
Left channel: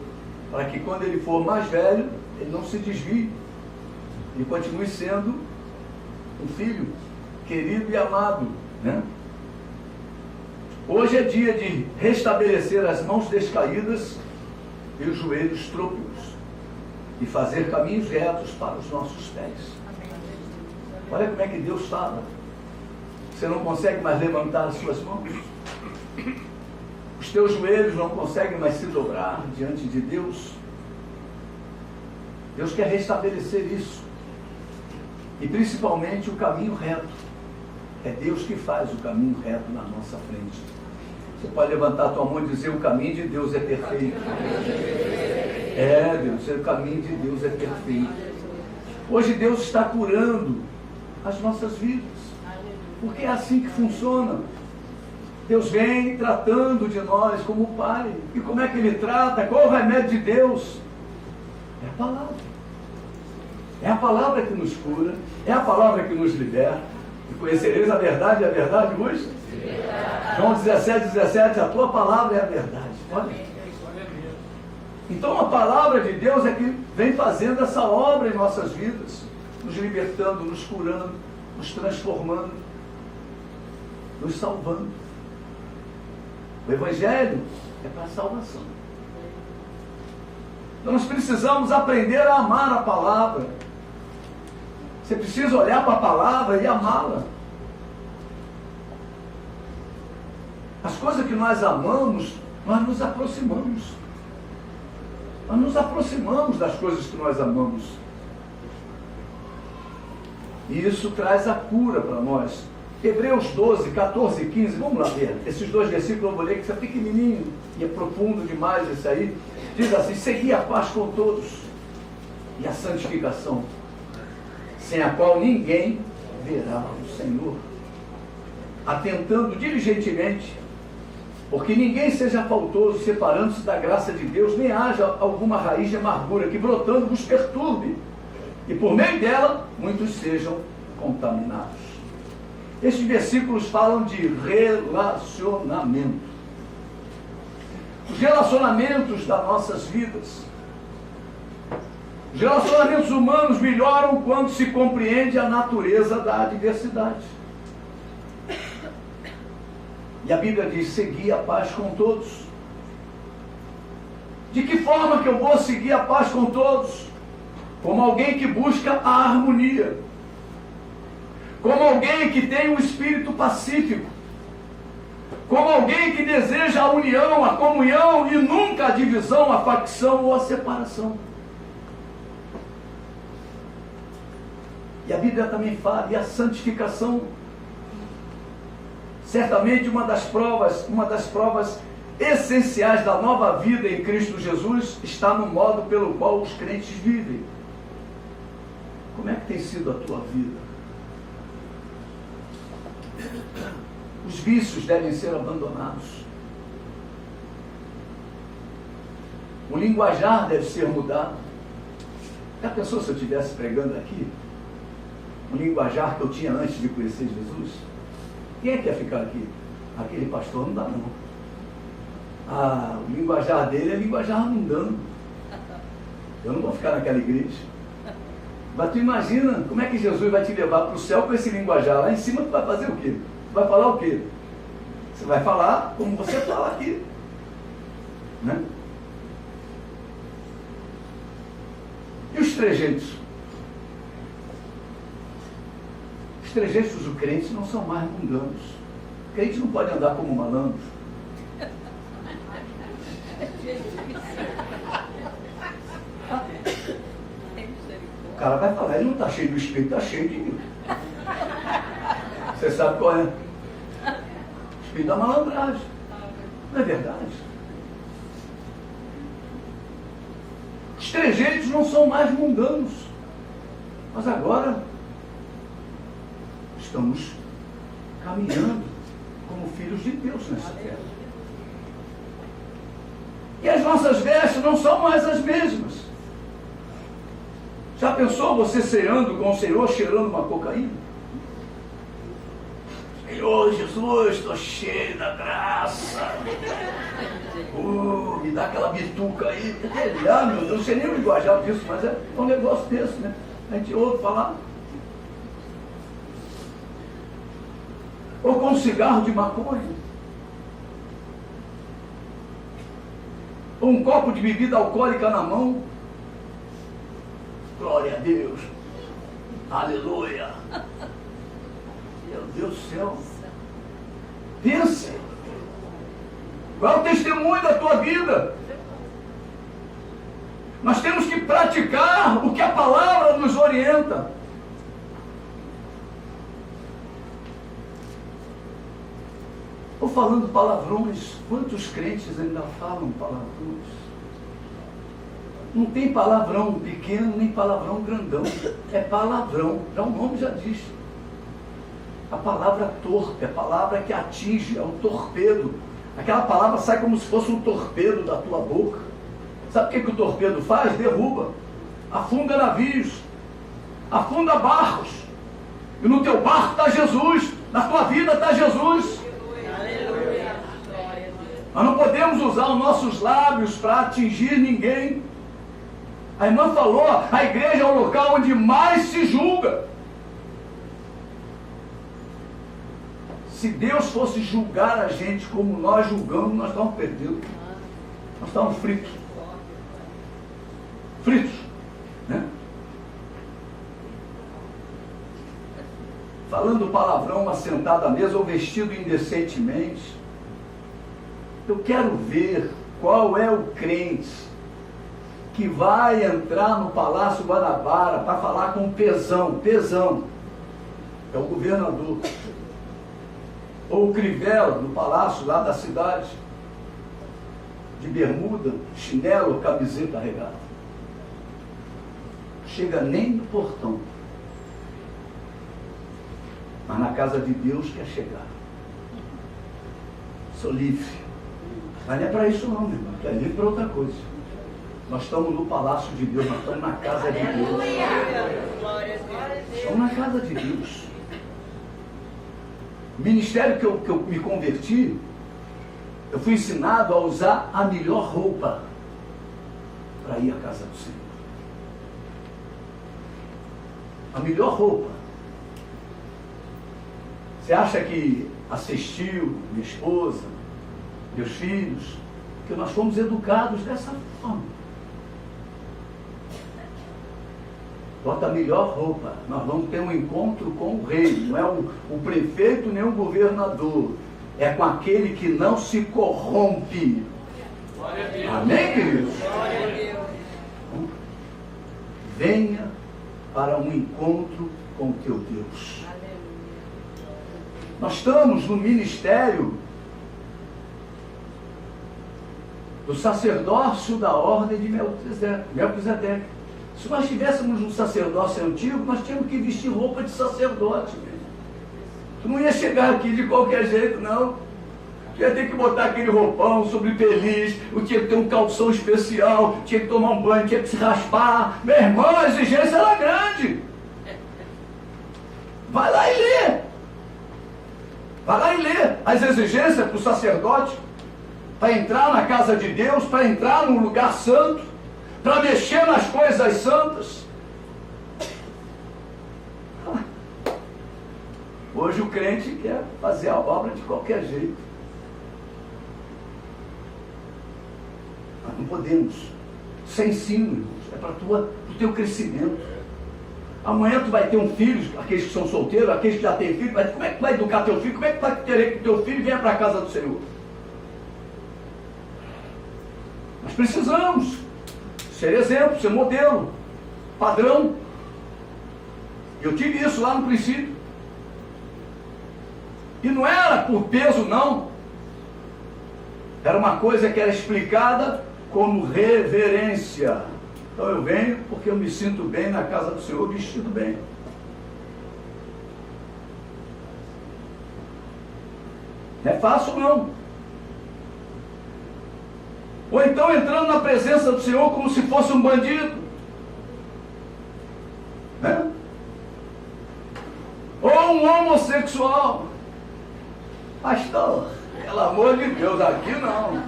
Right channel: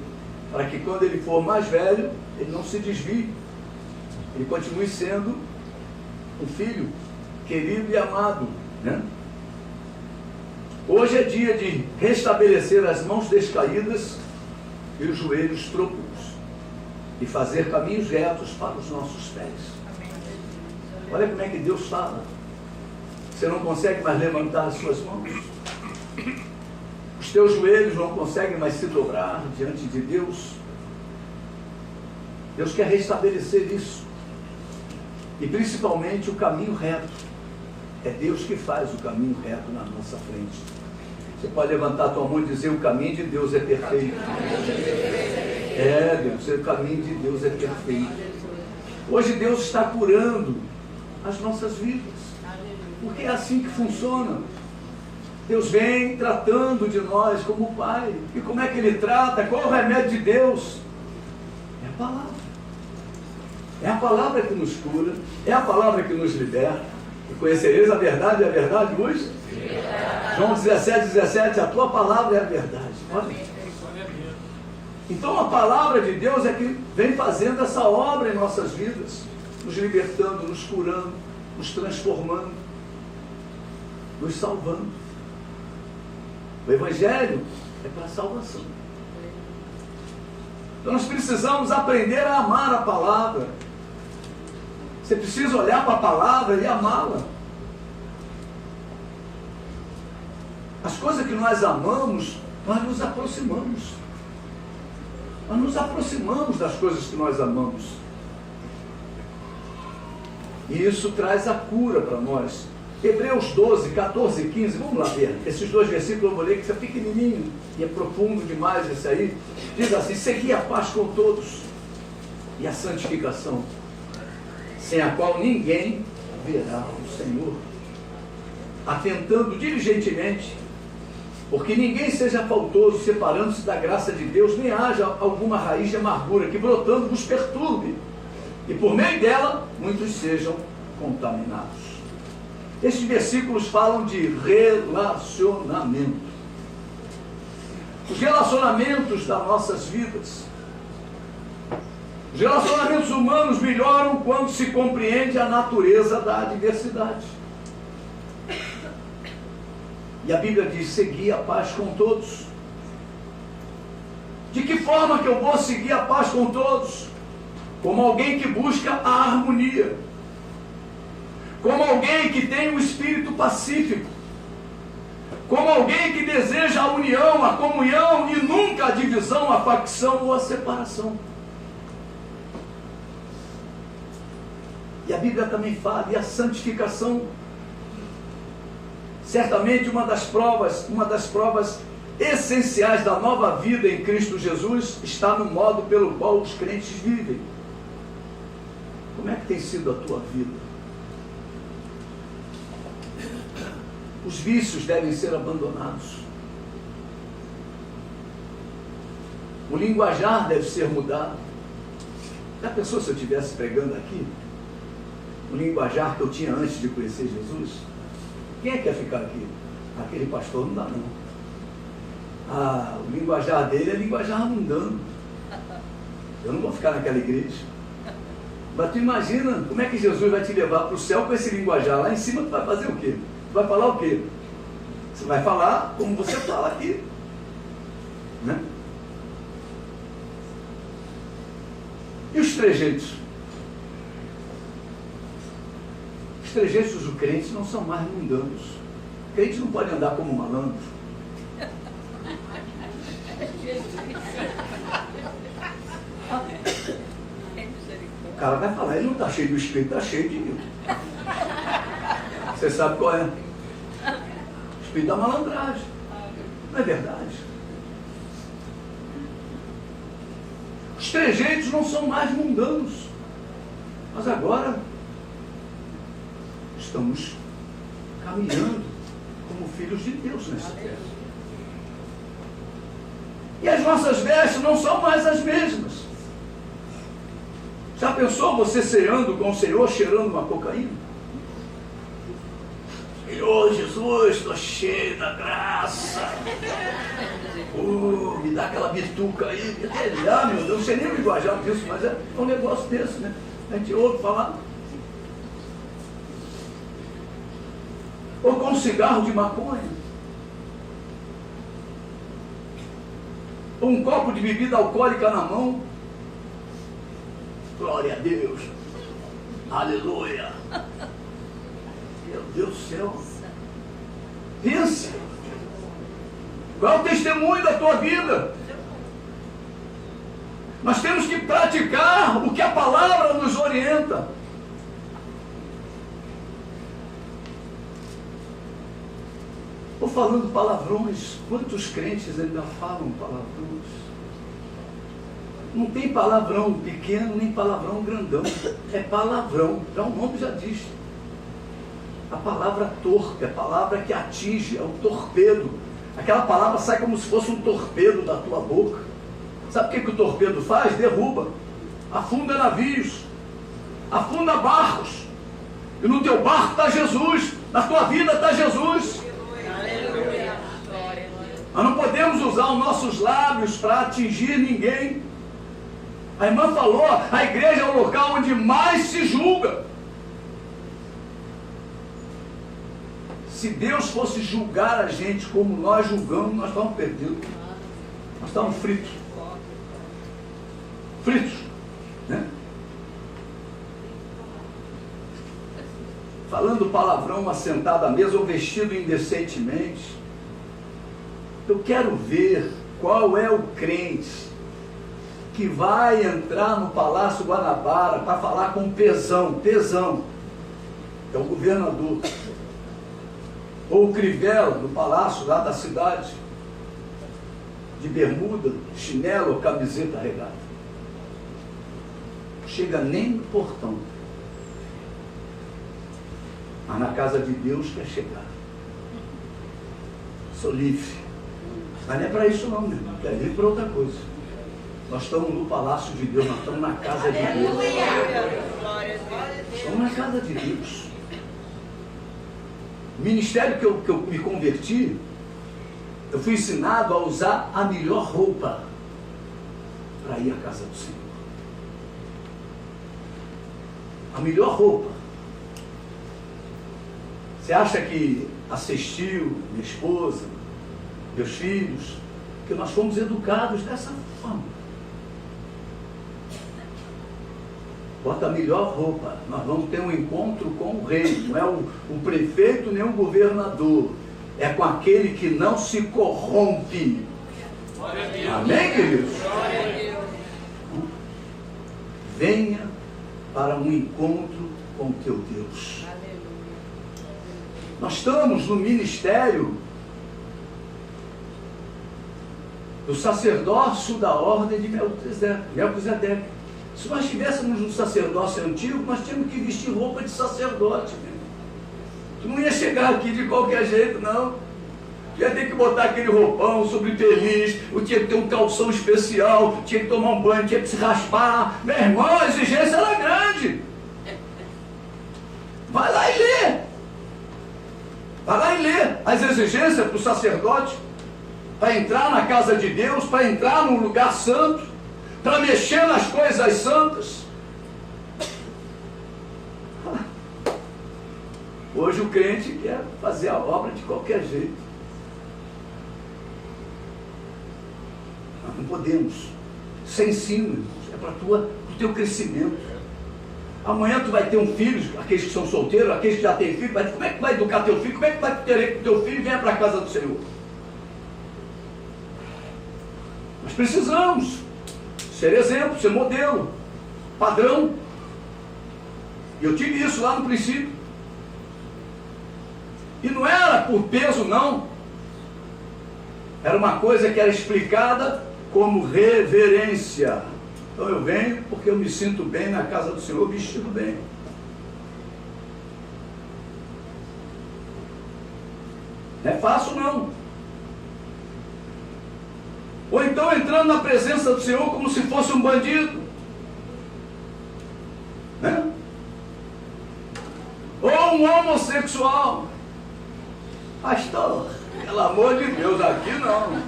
para que quando ele for mais velho, ele não se desvie, ele continue sendo um filho querido e amado, né? Hoje é dia de restabelecer as mãos descaídas e os joelhos trôpegos e fazer caminhos retos para os nossos pés. Amém, Jesus. Olha como é que Deus fala. Você não consegue mais levantar as suas mãos. Os teus joelhos não conseguem mais se dobrar diante de Deus. Deus quer restabelecer isso. E principalmente o caminho reto. É Deus que faz o caminho reto na nossa frente. Você pode levantar a tua mão e dizer: o caminho de Deus é perfeito. É, Deus, o caminho de Deus é perfeito. Hoje Deus está curando as nossas vidas. Porque é assim que funciona. Deus vem tratando de nós como Pai. E como é que Ele trata? Qual é o remédio de Deus? É a palavra. É a palavra que nos cura. É a palavra que nos liberta. E conhecereis a verdade, e a verdade vos? João 17, 17, a tua palavra é a verdade. Olha. Então a palavra de Deus é que vem fazendo essa obra em nossas vidas, nos libertando, nos curando, nos transformando, nos salvando. O Evangelho é para a salvação. Então nós precisamos aprender a amar a palavra. Você precisa olhar para a palavra e amá-la. As coisas que nós amamos, nós nos aproximamos. Nós nos aproximamos das coisas que nós amamos. E isso traz a cura para nós. Hebreus 12, 14 e 15, vamos lá ver. Esses dois versículos eu vou ler, que isso é pequenininho e é profundo demais esse aí. Diz assim: segui a paz com todos e a santificação, sem a qual ninguém verá o Senhor. Atentando diligentemente, porque ninguém seja faltoso, separando-se da graça de Deus, nem haja alguma raiz de amargura que brotando vos perturbe, e por meio dela muitos sejam contaminados. Estes versículos falam de relacionamento. Os relacionamentos das nossas vidas. Os relacionamentos humanos melhoram quando se compreende a natureza da adversidade. E a Bíblia diz: segui a paz com todos. De que forma que eu vou seguir a paz com todos? Como alguém que busca a harmonia. Como alguém que tem um espírito pacífico. Como alguém que deseja a união, a comunhão e nunca a divisão, a facção ou a separação. E a Bíblia também fala, e a santificação. Certamente uma das provas essenciais da nova vida em Cristo Jesus está no modo pelo qual os crentes vivem. Como é que tem sido a tua vida? Os vícios devem ser abandonados. O linguajar deve ser mudado. Já pensou se eu estivesse pregando aqui o linguajar que eu tinha antes de conhecer Jesus? Quem é que quer ficar aqui? Aquele pastor não dá não. O linguajar dele é linguajar mundano. Eu não vou ficar naquela igreja. Mas tu imagina como é que Jesus vai te levar para o céu com esse linguajar. Lá em cima tu vai fazer o quê? Tu vai falar o quê? Você vai falar como você fala aqui. Né? E os trejeitos? Os trejeitos dos crentes não são mais mundanos. O crente não pode andar como malandro. O cara vai falar, ele não está cheio do Espírito, está cheio de mim. Você sabe qual é? O Espírito da malandragem. Não é verdade? Os trejeitos não são mais mundanos. Mas agora estamos caminhando como filhos de Deus nessa terra. E as nossas vestes não são mais as mesmas. Já pensou você ceando com o Senhor, cheirando uma cocaína? Senhor Jesus, estou cheio da graça. Me dá aquela bituca aí. Meu Deus, não sei nem o linguajar disso, mas é um negócio desse, né? A gente ouve falar. Ou com um cigarro de maconha. Ou um copo de bebida alcoólica na mão. Glória a Deus. Aleluia. Meu Deus do céu. Pensa. Qual é o testemunho da tua vida? Nós temos que praticar o que a palavra nos orienta. Estou falando palavrões. Quantos crentes ainda falam palavrões? Não tem palavrão pequeno, nem palavrão grandão. É palavrão. Já o nome já diz. A palavra torpe, a palavra que atinge, é o torpedo. Aquela palavra sai como se fosse um torpedo da tua boca. Sabe o que o torpedo faz? Derruba. Afunda navios. Afunda barcos. E no teu barco está Jesus. Na tua vida está Jesus. Aleluia. Glória a Deus. Nós não podemos usar os nossos lábios para atingir ninguém. A irmã falou, a igreja é o local onde mais se julga. Se Deus fosse julgar a gente como nós julgamos, nós estamos perdidos. Nós estamos fritos. Fritos. Né? Falando palavrão assentado à mesa ou vestido indecentemente. Eu quero ver qual é o crente que vai entrar no Palácio Guanabara para falar com Pezão, é o governador, ou o Crivella do palácio lá da cidade, de bermuda, chinelo ou camiseta regata. Chega nem no portão, mas na casa de Deus quer chegar. Sou livre, mas não é para isso não, meu irmão, quer vir para outra coisa. Nós estamos no palácio de Deus, nós estamos na casa de Deus. Estamos na casa de Deus. O ministério que eu me converti, eu fui ensinado a usar a melhor roupa para ir à casa do Senhor. A melhor roupa. Você acha que assistiu minha esposa, meus filhos, que nós fomos educados dessa forma? Bota a melhor roupa. Nós vamos ter um encontro com o rei. Não é o prefeito nem o governador. É com aquele que não se corrompe. Amém, queridos? Venha para um encontro com o teu Deus. Nós estamos no ministério do sacerdócio da ordem de Melquisedeque. Se nós estivéssemos no sacerdócio antigo, nós tínhamos que vestir roupa de sacerdote. Tu não ia chegar aqui de qualquer jeito, não. Tu ia ter que botar aquele roupão sobre peliz, tu tinha que ter um calção especial, tinha que tomar um banho, tinha que se raspar. Meu irmão, a exigência era grande. Vai lá e lê. Vai lá e lê as exigências para o sacerdote, para entrar na casa de Deus, para entrar num lugar santo, para mexer nas coisas santas. Hoje o crente quer fazer a obra de qualquer jeito. Mas não podemos. Isso é ensino, irmãos. É para o teu crescimento. Amanhã tu vai ter um filho, aqueles que são solteiros, aqueles que já têm filho, como é que vai educar teu filho? Como é que vai querer que teu filho venha para a casa do Senhor? Nós precisamos ser exemplo, ser modelo, padrão. Eu tive isso lá no princípio. E não era por peso, não. Era uma coisa que era explicada como reverência. Então eu venho porque eu me sinto bem na casa do Senhor, vestido bem. Não é fácil, não. Ou então entrando na presença do Senhor como se fosse um bandido. Né? Ou um homossexual. Pastor, pelo amor de Deus, aqui não.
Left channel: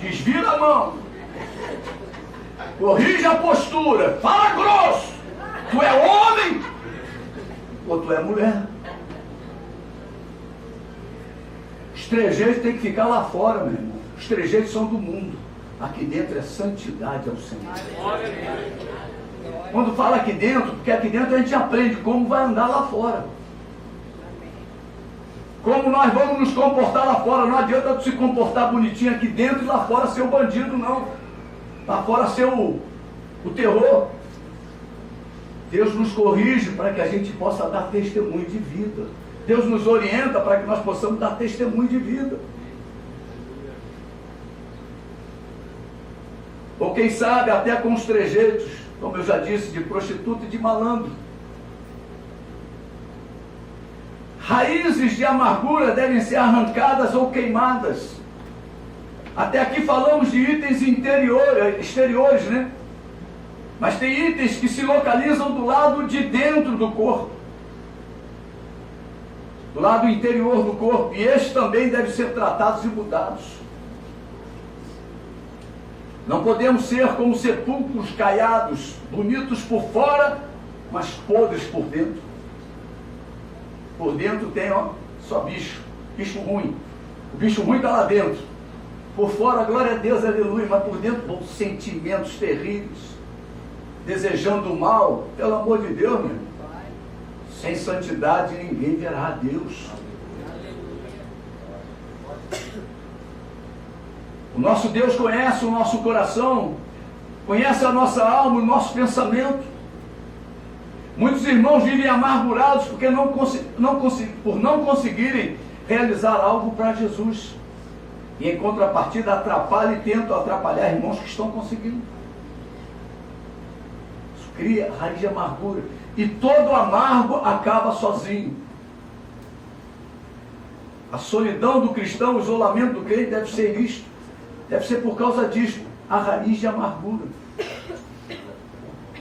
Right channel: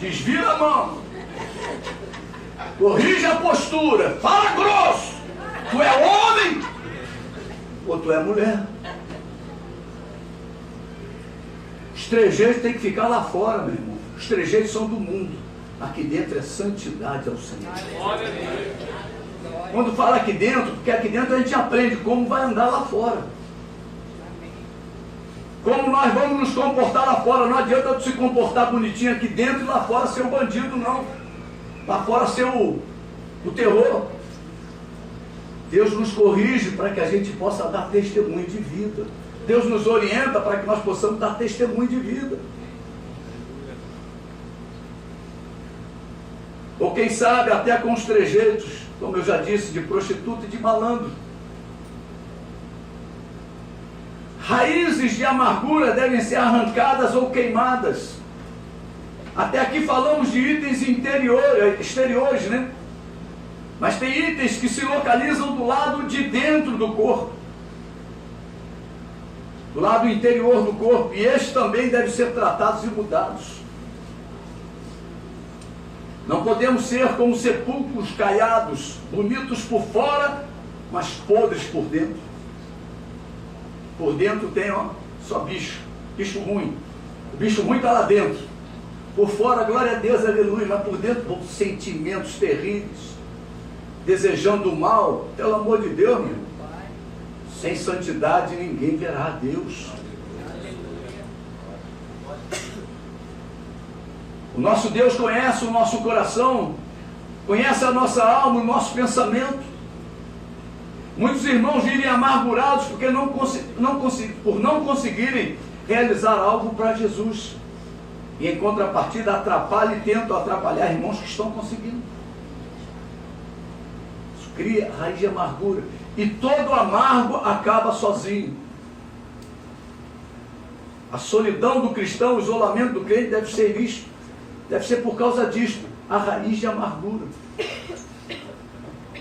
Desvira a mão. Corrija a postura. Fala grosso. Tu é homem ou tu é mulher? Os trejeitos têm que ficar lá fora, meu irmão. Os trejeitos são do mundo. Aqui dentro é santidade ao Senhor. Quando fala aqui dentro, porque aqui dentro a gente aprende como vai andar lá fora. Como nós vamos nos comportar lá fora. Não adianta tu se comportar bonitinho aqui dentro e lá fora ser o bandido, não. Lá fora ser o terror. Deus nos corrige para que a gente possa dar testemunho de vida. Deus nos orienta para que nós possamos dar testemunho de vida. Ou quem sabe até com os trejeitos, como eu já disse, de prostituta e de malandro. Raízes de amargura devem ser arrancadas ou queimadas. Até aqui falamos de itens exteriores, né? Mas tem itens que se localizam do lado de dentro do corpo. Do lado interior do corpo. E estes também devem ser tratados e mudados. Não podemos ser como sepulcros caiados, bonitos por fora, mas podres por dentro. Por dentro tem só bicho ruim. O bicho ruim está lá dentro. Por fora, glória a Deus, aleluia, mas por dentro, bom, sentimentos terríveis, desejando o mal. Pelo amor de Deus, meu irmão, sem santidade ninguém verá a Deus. O nosso Deus conhece o nosso coração, conhece a nossa alma, o nosso pensamento. Muitos irmãos vivem amargurados porque por não conseguirem realizar algo para Jesus. E em contrapartida atrapalham e tentam atrapalhar irmãos que estão conseguindo. Isso cria raiz de amargura. E todo amargo acaba sozinho. A solidão do cristão, o isolamento do crente deve ser visto. Deve ser por causa disso, a raiz de amargura.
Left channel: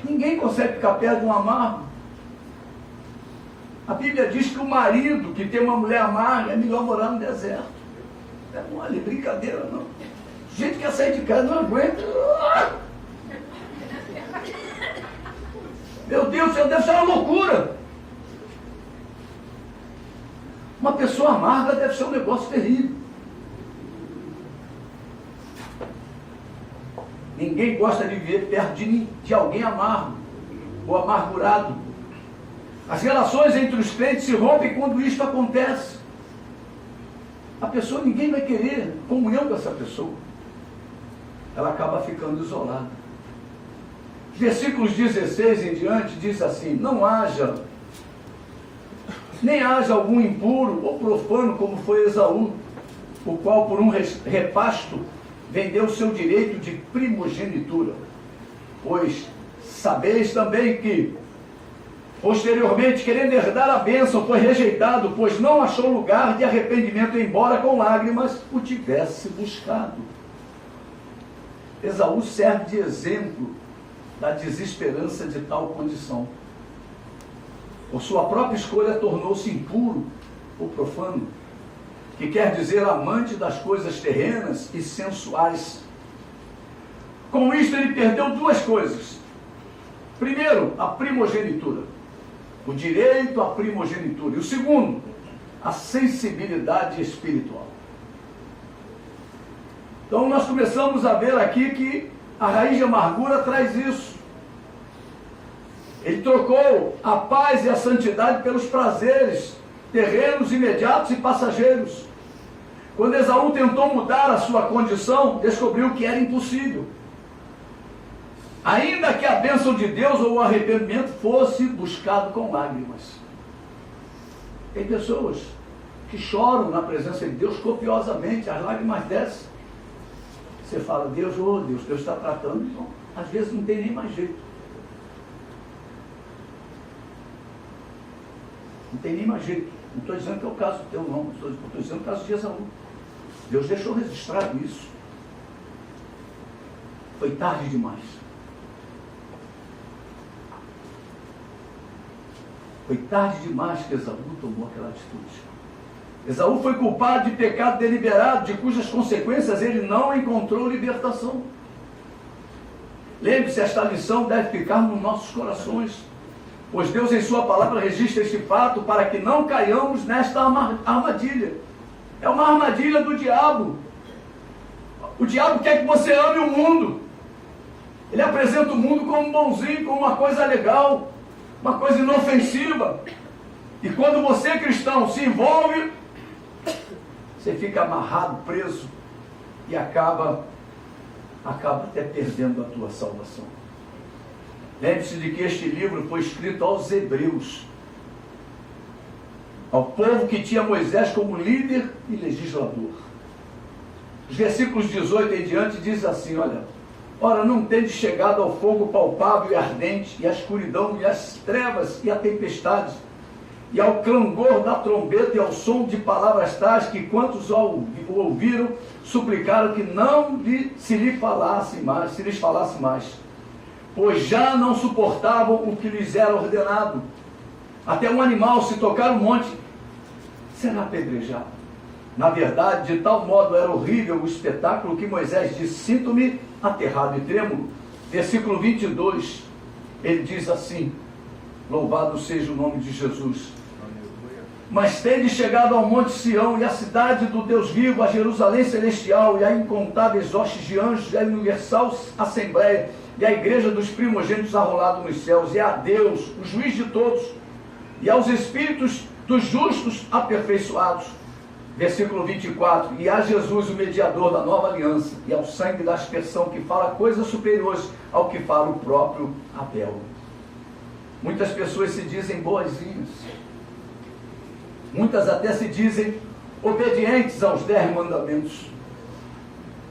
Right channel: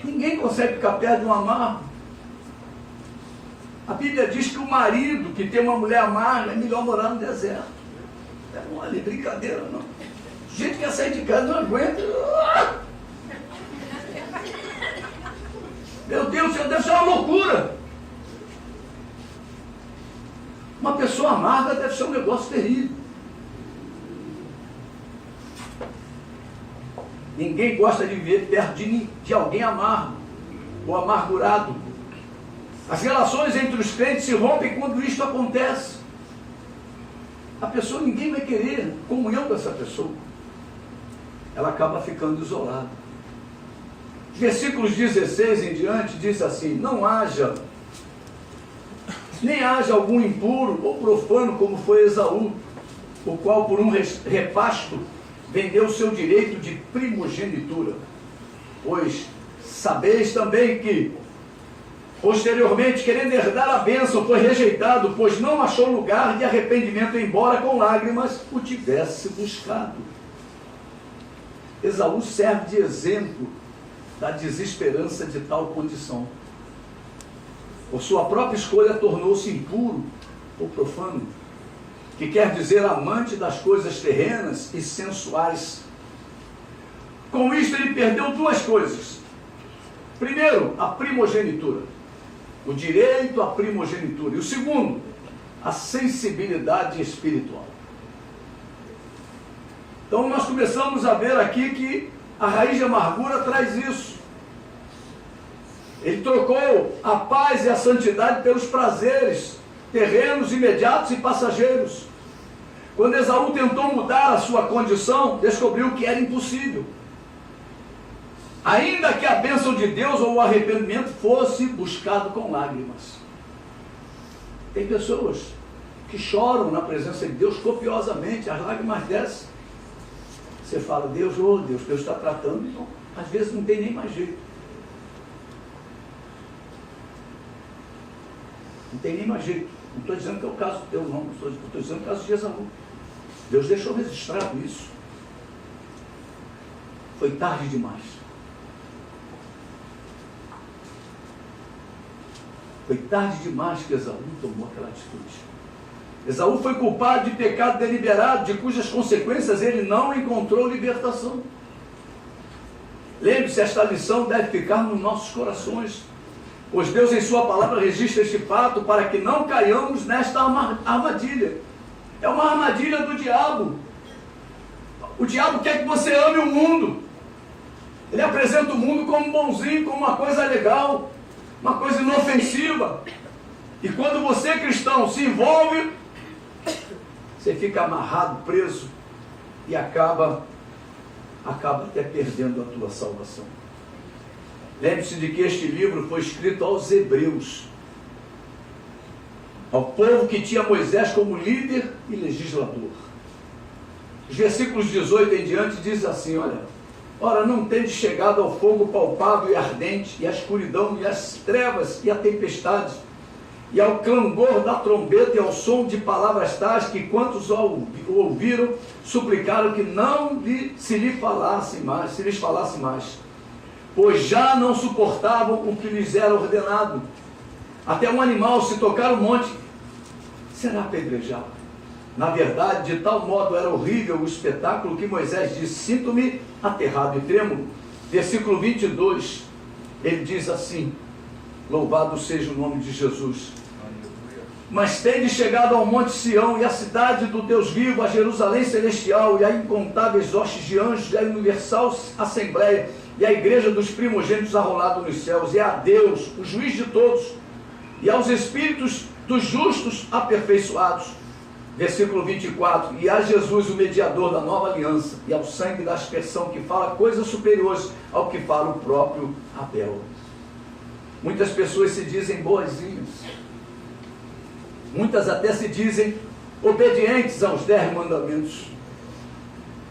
Ninguém consegue ficar perto de um amargo. A Bíblia diz que o marido que tem uma mulher amarga é melhor morar no deserto. Não é brincadeira, não. O gente quer sair de casa, não aguenta. Meu Deus, isso deve ser uma loucura. Uma pessoa amarga deve ser um negócio terrível. Ninguém gosta de viver perto de alguém amargo ou amargurado. As relações entre os crentes se rompem quando isso acontece. A pessoa, ninguém vai querer comunhão com essa pessoa. Ela acaba ficando isolada. Versículos 16 em diante diz assim: nem haja algum impuro ou profano como foi Esaú, o qual por um repasto vendeu o seu direito de primogenitura. Pois sabeis também que, posteriormente, querendo herdar a bênção, foi rejeitado, pois não achou lugar de arrependimento, embora com lágrimas o tivesse buscado. Esaú serve de exemplo da desesperança de tal condição. Por sua própria escolha, tornou-se impuro ou profano, que quer dizer amante das coisas terrenas e sensuais. Com isto, ele perdeu duas coisas. Primeiro, a primogenitura, o direito à primogenitura. E o segundo, a sensibilidade espiritual. Então, nós começamos a ver aqui que a raiz de amargura traz isso. Ele trocou a paz e a santidade pelos prazeres terrenos, imediatos e passageiros. Quando Esaú tentou mudar a sua condição, descobriu que era impossível. Ainda que a bênção de Deus ou o arrependimento fosse buscado com lágrimas. Tem pessoas que choram na presença de Deus copiosamente, as lágrimas descem. Você fala, Deus, oh Deus, Deus está tratando. Então, às vezes não tem nem mais jeito. Não tem nem mais jeito. Não estou dizendo que é o caso teu, não. Estou dizendo que é o caso de Esaú. Deus deixou registrado isso. Foi tarde demais. Foi tarde demais que Esaú tomou aquela atitude. Esaú foi culpado de pecado deliberado, de cujas consequências ele não encontrou libertação. Lembre-se, esta lição deve ficar nos nossos corações, pois Deus em sua palavra registra este fato para que não caiamos nesta armadilha. É uma armadilha do diabo. O diabo quer que você ame o mundo. Ele apresenta o mundo como bonzinho, como uma coisa legal, uma coisa inofensiva. E quando você, cristão, se envolve, você fica amarrado, preso e acaba até perdendo a tua salvação. Lembre-se de que este livro foi escrito aos hebreus, ao povo que tinha Moisés como líder e legislador. Os versículos 18 em diante diz assim, olha: ora, não tendes chegado ao fogo palpável e ardente, e à escuridão, e às trevas, e à tempestade, e ao clangor da trombeta, e ao som de palavras tais, que quantos o ouviram, suplicaram que não se lhes falasse mais, pois já não suportavam o que lhes era ordenado. Até um animal, se tocar o monte, será apedrejado. Na verdade, de tal modo era horrível o espetáculo que Moisés disse: sinto-me aterrado e trêmulo. Versículo 22, ele diz assim: louvado seja o nome de Jesus. Mas tendes chegado ao monte Sião e à cidade do Deus vivo, a Jerusalém celestial e a incontáveis hostes de anjos, e a universal assembleia e a igreja dos primogênitos arrolado nos céus, e a Deus, o juiz de todos, e aos espíritos dos justos aperfeiçoados. Versículo 24, e a Jesus, o mediador da nova aliança, e ao sangue da aspersão, que fala coisas superiores ao que fala o próprio Abel. Muitas pessoas se dizem boazinhas, muitas até se dizem obedientes aos 10 mandamentos,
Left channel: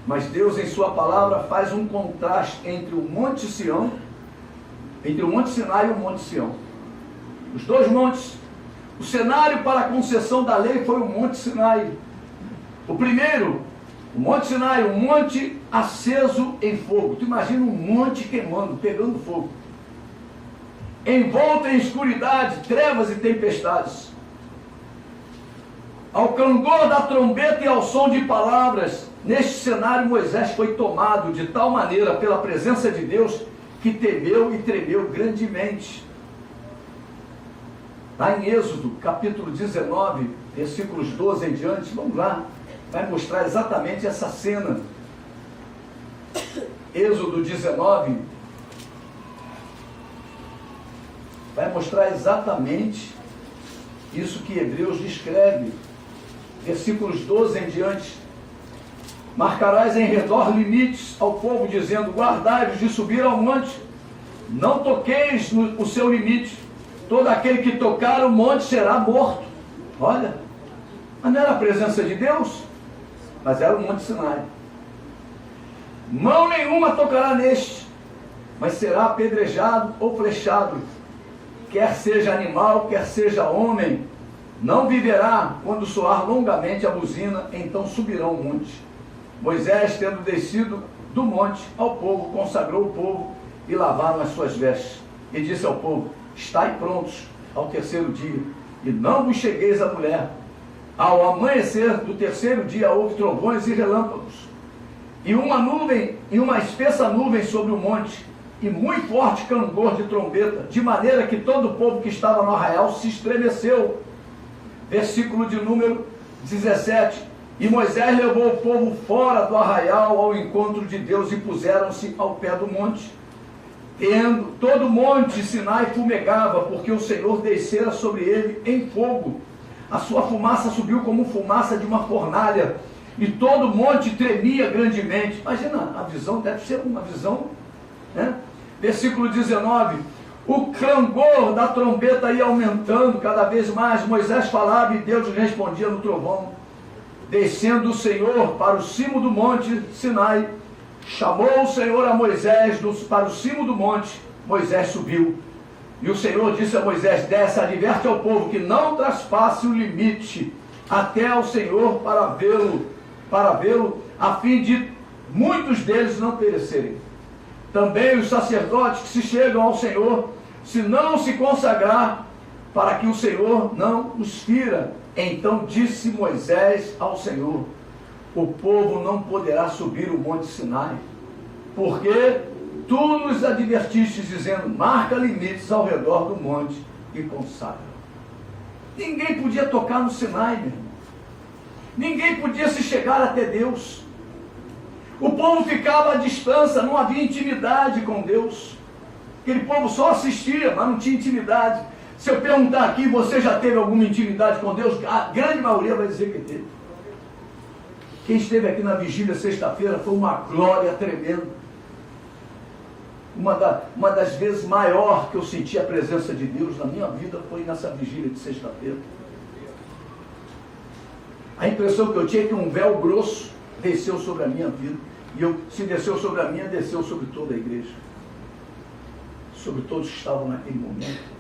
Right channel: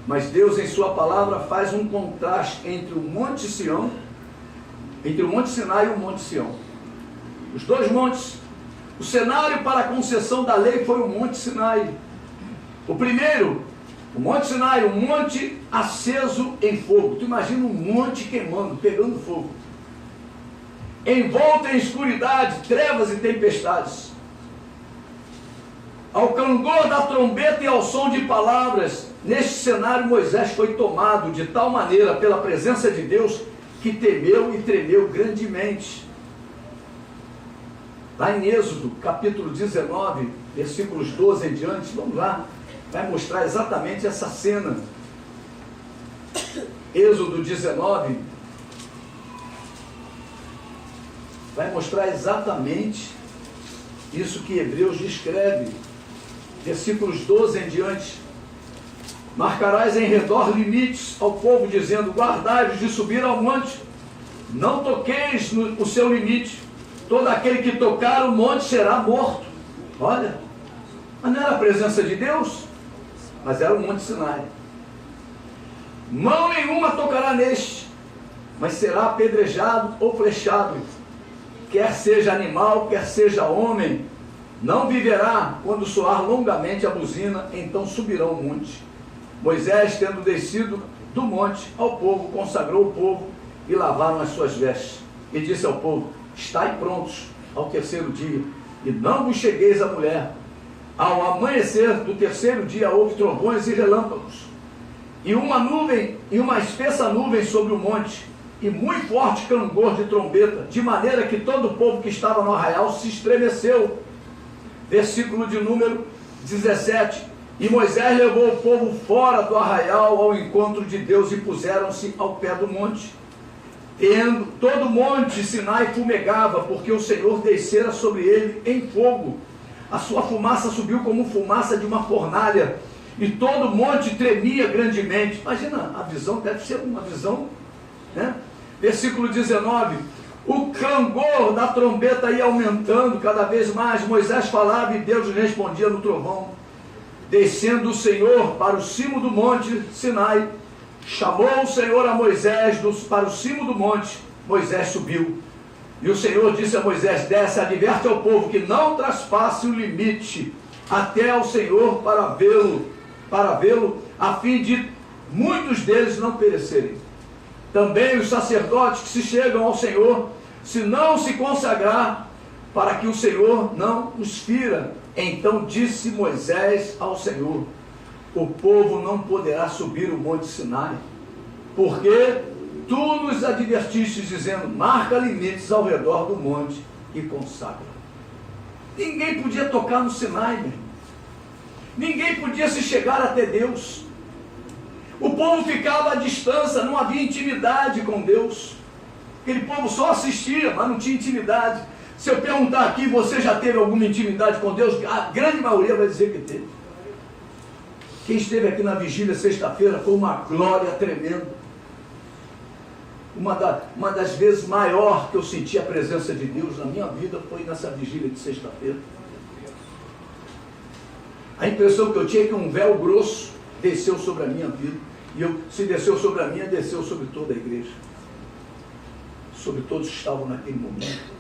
mas Deus em sua palavra faz um contraste entre o Monte Sião, entre o Monte Sinai e o Monte Sião. Os dois montes. O cenário para a concessão da lei foi o Monte Sinai. O primeiro, o Monte Sinai, um monte aceso em fogo. Tu imagina um monte queimando, pegando fogo. Envolto em escuridade, trevas e tempestades. Ao clangor da trombeta e ao som de palavras, neste cenário Moisés foi tomado de tal maneira pela presença de Deus que temeu e tremeu grandemente. Lá em Êxodo, capítulo 19, versículos 12 em diante, vamos lá, vai mostrar exatamente essa cena. Êxodo 19, vai mostrar exatamente isso que Hebreus descreve. Versículos 12 em diante. Marcarás em redor limites ao povo, dizendo: guardai-vos de subir ao monte, não toqueis no seu limite. Todo aquele que tocar o monte será morto. Olha, mas não era a presença de Deus, mas era o Monte Sinai. Mão nenhuma tocará neste, mas será apedrejado ou flechado. Quer seja animal, quer seja homem, não viverá. Quando soar longamente a buzina, então subirão o monte. Moisés, tendo descido do monte ao povo, consagrou o povo e lavaram as suas vestes. E disse ao povo: estai prontos ao terceiro dia, e não vos chegueis à mulher. Ao amanhecer do terceiro dia houve trovões e relâmpagos, e uma nuvem, e uma espessa nuvem sobre o monte, e muito forte clangor de trombeta, de maneira que todo o povo que estava no arraial se estremeceu. Versículo de número 17. E Moisés levou o povo fora do arraial ao encontro de Deus, e puseram-se ao pé do monte. Tendo todo o monte Sinai fumegava, porque o Senhor descera sobre ele em fogo. A sua fumaça subiu como fumaça de uma fornalha, e todo o monte tremia grandemente. Imagina, a visão deve ser uma visão, né? Versículo 19. O clangor da trombeta ia aumentando cada vez mais. Moisés falava e Deus lhe respondia no trovão. Descendo o Senhor para o cimo do monte Sinai, chamou o Senhor a Moisés para o cimo do monte. Moisés subiu. E o Senhor disse a Moisés: desce, adverte ao povo que não traspasse o limite até ao Senhor para vê-lo, a fim de muitos deles não perecerem. Também os sacerdotes que se chegam ao Senhor, se não se consagrar, para que o Senhor não os fira. Então disse Moisés ao Senhor: o povo não poderá subir o monte Sinai, porque tu nos advertiste, dizendo: marca limites ao redor do monte e consagra. Ninguém podia tocar no Sinai, meu irmão. Ninguém podia se chegar até Deus. O povo ficava à distância, não havia intimidade com Deus. Aquele povo só assistia, mas não tinha intimidade. Se eu perguntar aqui, você já teve alguma intimidade com Deus? A grande maioria vai dizer que teve. Quem esteve aqui na vigília sexta-feira foi uma glória tremenda. Uma das vezes maior que eu senti a presença de Deus na minha vida foi nessa vigília de sexta-feira. A impressão que eu tinha é que um véu grosso desceu sobre a minha vida. E se desceu sobre a minha, desceu sobre toda a igreja. Sobre todos que estavam naquele momento.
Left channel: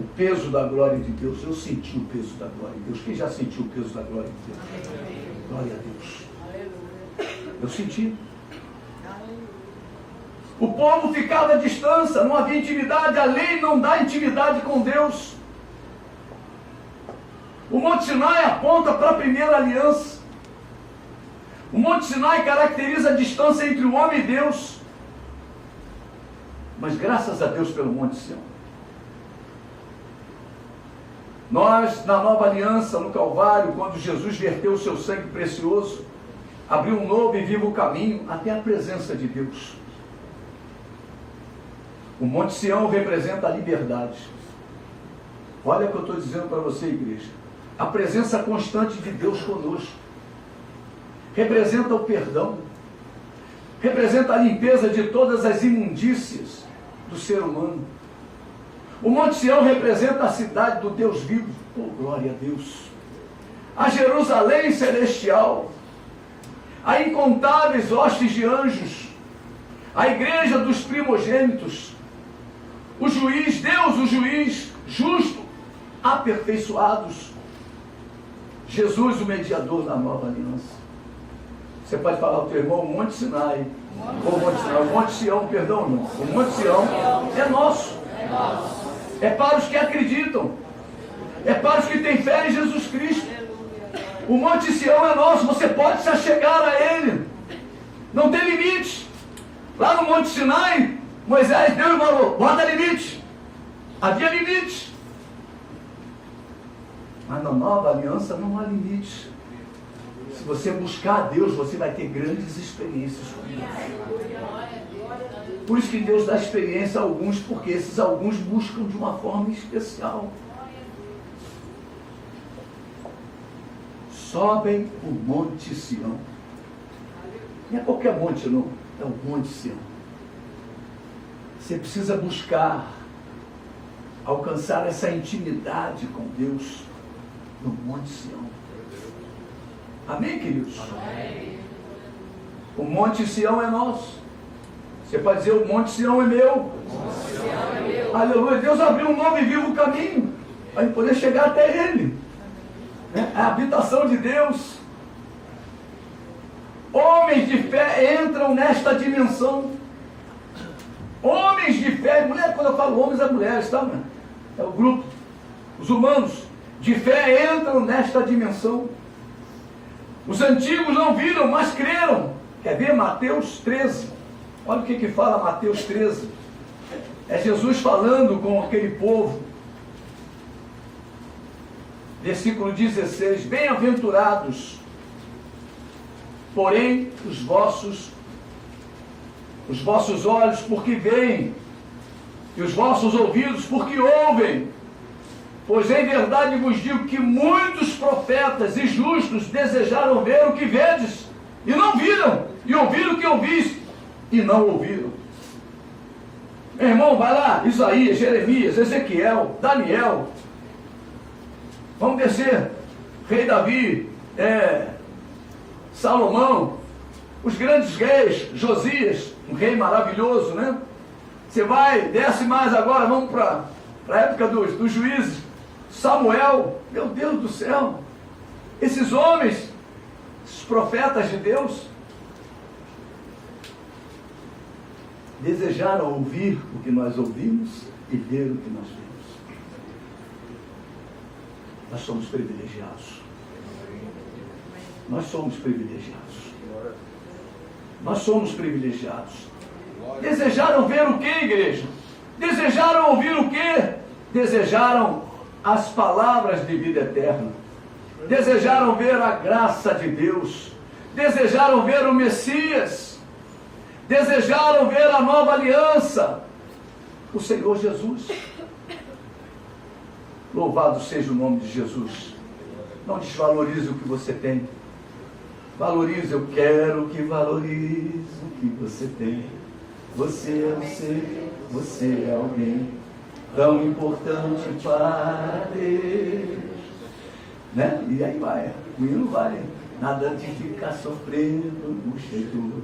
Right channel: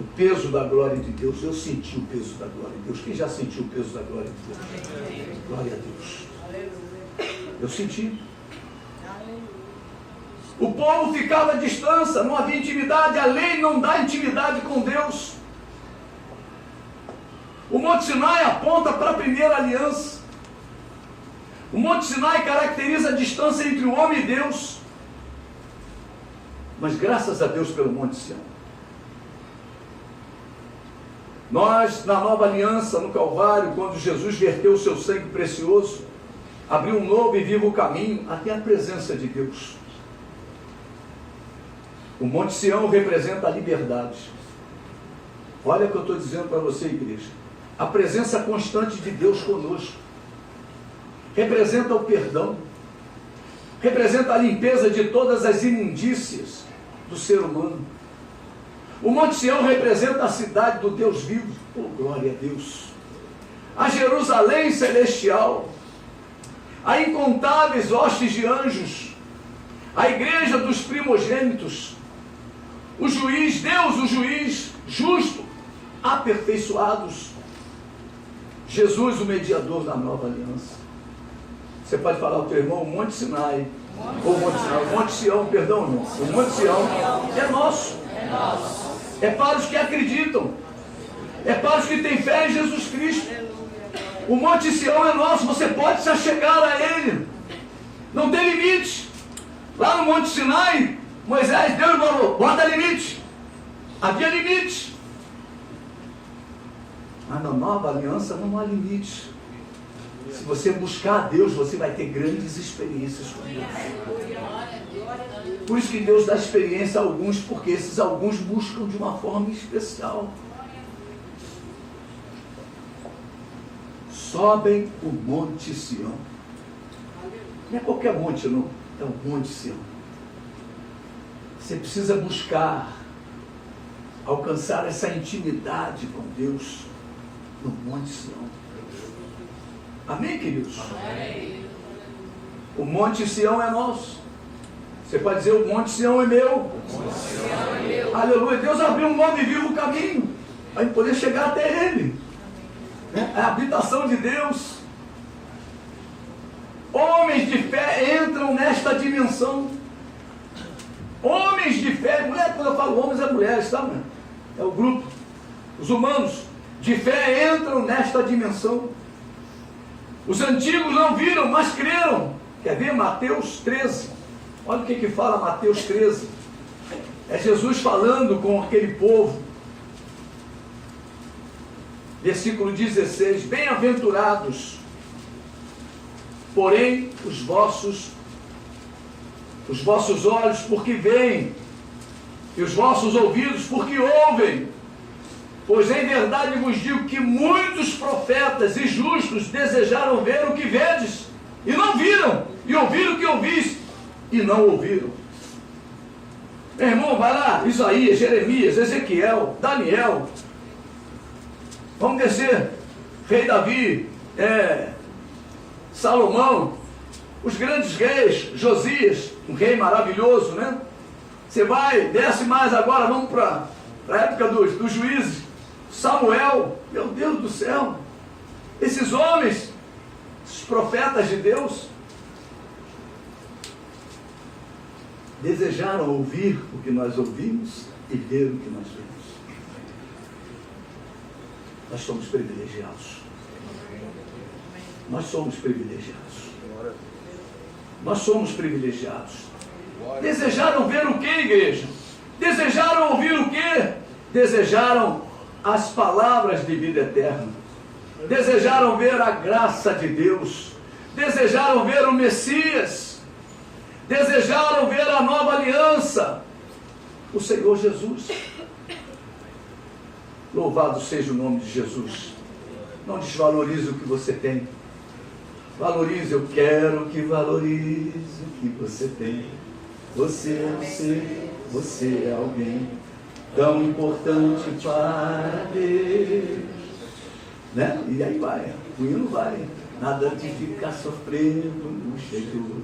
O peso da glória de Deus. Eu senti o peso da glória de Deus. Quem já sentiu o peso da glória de Deus? Amém. Glória a Deus. Aleluia. Eu senti. Aleluia. O povo ficava à distância, não havia intimidade. A lei não dá intimidade com Deus. O Monte Sinai aponta para a primeira aliança. O Monte Sinai caracteriza a distância entre o homem e Deus. Mas graças a Deus pelo Monte Sião. Nós, na nova aliança, no Calvário, quando Jesus verteu o seu sangue precioso, abriu um novo e vivo caminho até a presença de Deus. O Monte Sião representa a liberdade. Olha o que eu estou dizendo para você, igreja. A presença constante de Deus conosco. Representa o perdão. Representa a limpeza de todas as imundícias do ser humano. O Monte Sião representa a cidade do Deus vivo. Oh, glória a Deus. A Jerusalém celestial. A incontáveis hostes de anjos. A igreja dos primogênitos. O juiz, Deus, o juiz justo, aperfeiçoados. Jesus, o mediador da nova aliança. Você pode falar ao teu irmão, o Monte Sinai. O Monte Sião, perdão, irmão. O Monte Sião é nosso. É para os que acreditam. É para os que têm fé em Jesus Cristo. O Monte Sião é nosso. Você pode se achegar a ele. Não tem limite. Lá no Monte Sinai, Moisés, Deus falou, bota limite. Havia limite. Mas na nova aliança não há limite. Se você buscar a Deus, você vai ter grandes experiências com Deus. Por isso que Deus dá experiência a alguns, porque esses alguns buscam de uma forma especial. Sobem o Monte Sião. Não é qualquer monte, não. É o Monte Sião. Você precisa buscar alcançar essa intimidade com Deus no Monte Sião. Amém, queridos? Amém. O Monte Sião é nosso. Você pode dizer, o Monte Sião é meu. O Monte Sião é meu. Aleluia. Deus abriu um novo e vivo caminho para poder chegar até Ele. Né? A habitação de Deus. Homens de fé entram nesta dimensão. Homens de fé, mulher, quando eu falo homens é mulheres, tá? É o grupo. Os humanos de fé entram nesta dimensão. Os antigos não viram, mas creram. Quer ver Mateus 13? Olha o que fala Mateus 13. É Jesus falando com aquele povo. Versículo 16. Bem-aventurados, porém, os vossos olhos, porque veem, e os vossos ouvidos, porque ouvem. Pois em verdade vos digo que muitos profetas e justos desejaram ver o que vedes, e não viram, e ouviram o que ouvis, e não ouviram. Meu irmão, vai lá, Isaías, Jeremias, Ezequiel, Daniel. Vamos descer. Rei Davi, Salomão, os grandes reis, Josias, um rei maravilhoso, né? Você vai, desce mais agora, vamos para a época dos juízes. Samuel, meu Deus do céu, esses homens, esses profetas de Deus, desejaram ouvir o que nós ouvimos e ver o que nós vemos. Nós somos privilegiados. Nós somos privilegiados. Nós somos privilegiados. Desejaram ver o que, igreja? Desejaram ouvir o que? Desejaram as palavras de vida eterna. Desejaram ver a graça de Deus. Desejaram ver o Messias. Desejaram ver a nova aliança. O Senhor Jesus. Louvado seja o nome de Jesus. Não desvalorize o que você tem. Valorize, eu quero que valorize o que você tem. Você é um ser, você é alguém tão importante para Deus. Né? E aí vai, o hino vai. Nada de ficar sofrendo no exterior,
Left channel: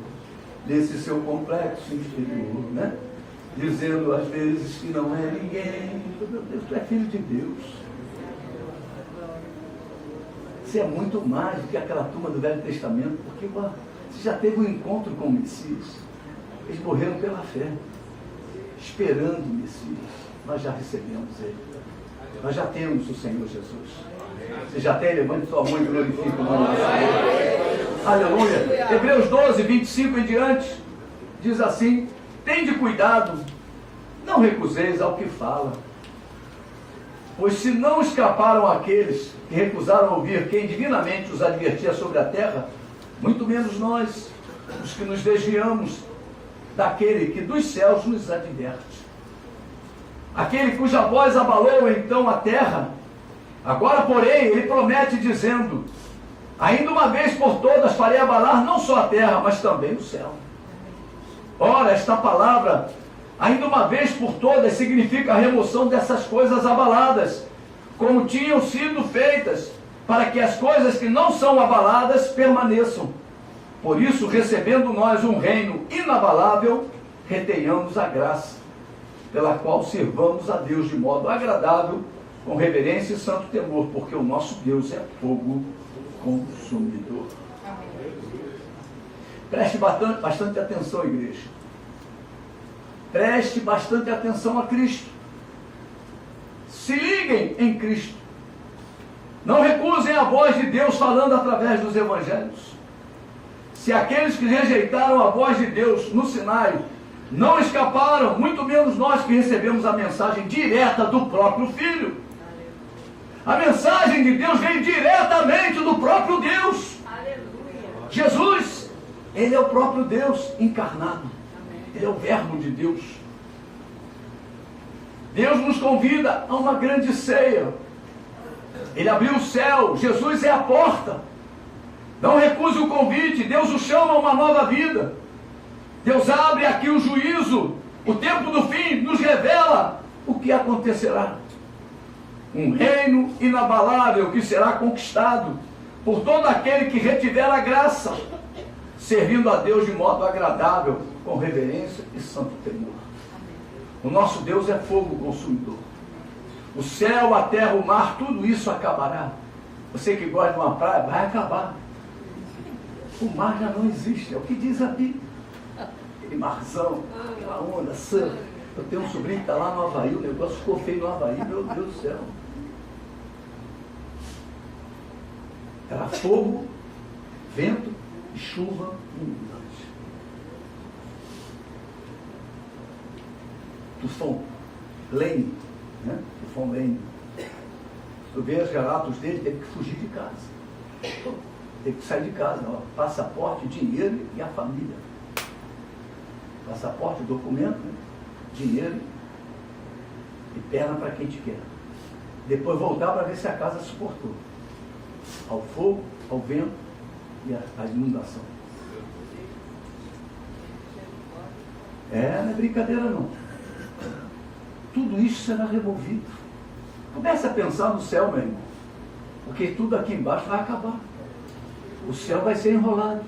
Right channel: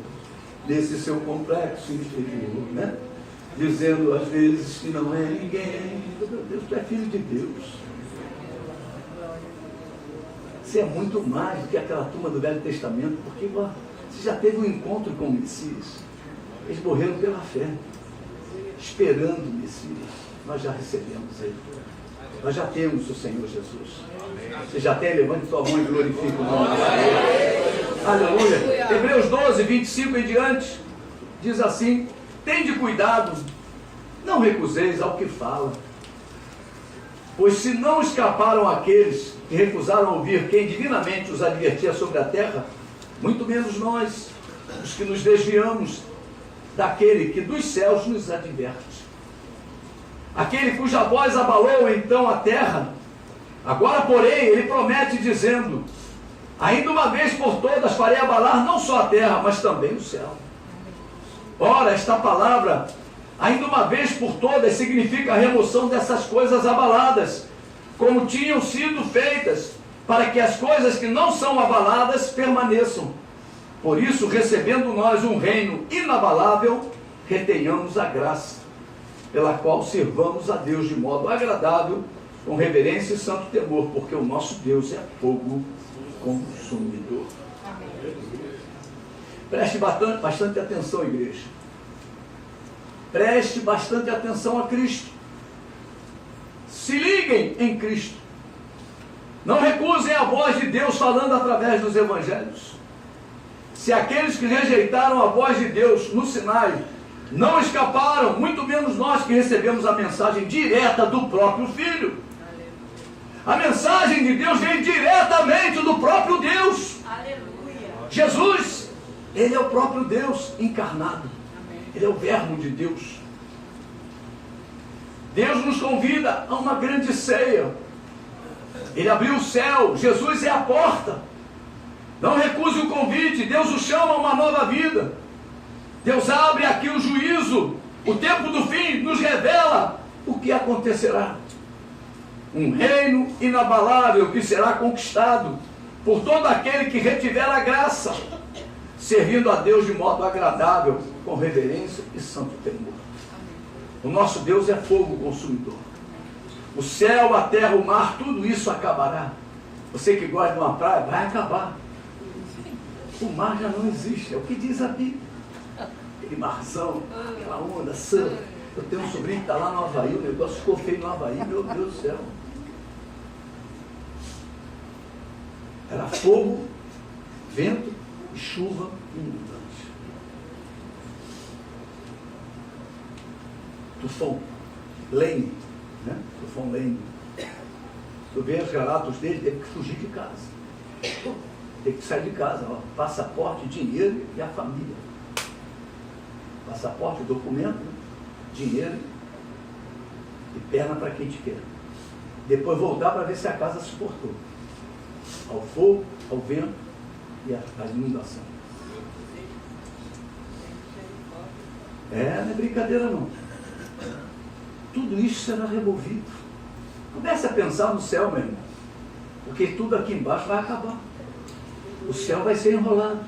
desse seu complexo exterior, né? Dizendo às vezes que não é ninguém. Meu Deus, tu é filho de Deus. Você é muito mais do que aquela turma do Velho Testamento, porque você já teve um encontro com o Messias. Eles morreram pela fé, esperando o Messias. Nós já recebemos ele. Nós já temos o Senhor Jesus. Você já tem? Levante sua mão e glorifique o nome do Senhor. Aleluia. Hebreus 12, 25 em diante, diz assim: tende cuidado, não recuseis ao que fala. Pois se não escaparam aqueles que recusaram ouvir quem divinamente os advertia sobre a terra, muito menos nós, os que nos desviamos daquele que dos céus nos adverte. Aquele cuja voz abalou então a terra, agora porém ele promete dizendo: ainda uma vez por todas farei abalar não só a terra, mas também o céu. Ora, esta palavra, ainda uma vez por todas, significa a remoção dessas coisas abaladas, como tinham sido feitas, para que as coisas que não são abaladas permaneçam. Por isso, recebendo nós um reino inabalável, retenhamos a graça, pela qual servamos a Deus de modo agradável, com reverência e santo temor, porque o nosso Deus é fogo consumidor. Preste bastante atenção, igreja. Preste bastante atenção a Cristo. Se liguem em Cristo. Não recusem a voz de Deus falando através dos evangelhos. Se aqueles que rejeitaram a voz de Deus no Sinai não escaparam, muito menos nós que recebemos a mensagem direta do próprio Filho. A mensagem de Deus vem diretamente do próprio Deus. Jesus, Ele é o próprio Deus encarnado. Ele é o verbo de Deus. Deus nos convida a uma grande ceia. Ele abriu o céu. Jesus é a porta. Não recuse o convite. Deus o chama a uma nova vida. Deus abre aqui o juízo. O tempo do fim nos revela o que acontecerá. Um reino inabalável que será conquistado por todo aquele que retiver a graça, servindo a Deus de modo agradável, com reverência e santo temor. O nosso Deus é fogo consumidor. O céu, a terra, o mar, tudo isso acabará. Você que gosta de uma praia, vai acabar. O mar já não existe, é o que diz a Bíblia. Aquele marzão, aquela onda, surf. Eu tenho um sobrinho que está lá no Havaí, o negócio ficou feio no Havaí, meu Deus do céu. Era fogo, vento e chuva inundante. Tufão, Lane, né? Tufão Lane. Tu vê os relatos dele, teve que fugir de casa. Teve que sair de casa, ó, passaporte, dinheiro e a família. Passaporte, documento, né? Dinheiro e perna para quem te quer. Depois voltar para ver se a casa suportou. Ao fogo, ao vento e à inundação. Não é brincadeira não. Tudo isso será removido. Comece a pensar no céu, meu irmão. Porque tudo aqui embaixo vai acabar. O céu vai ser enrolado.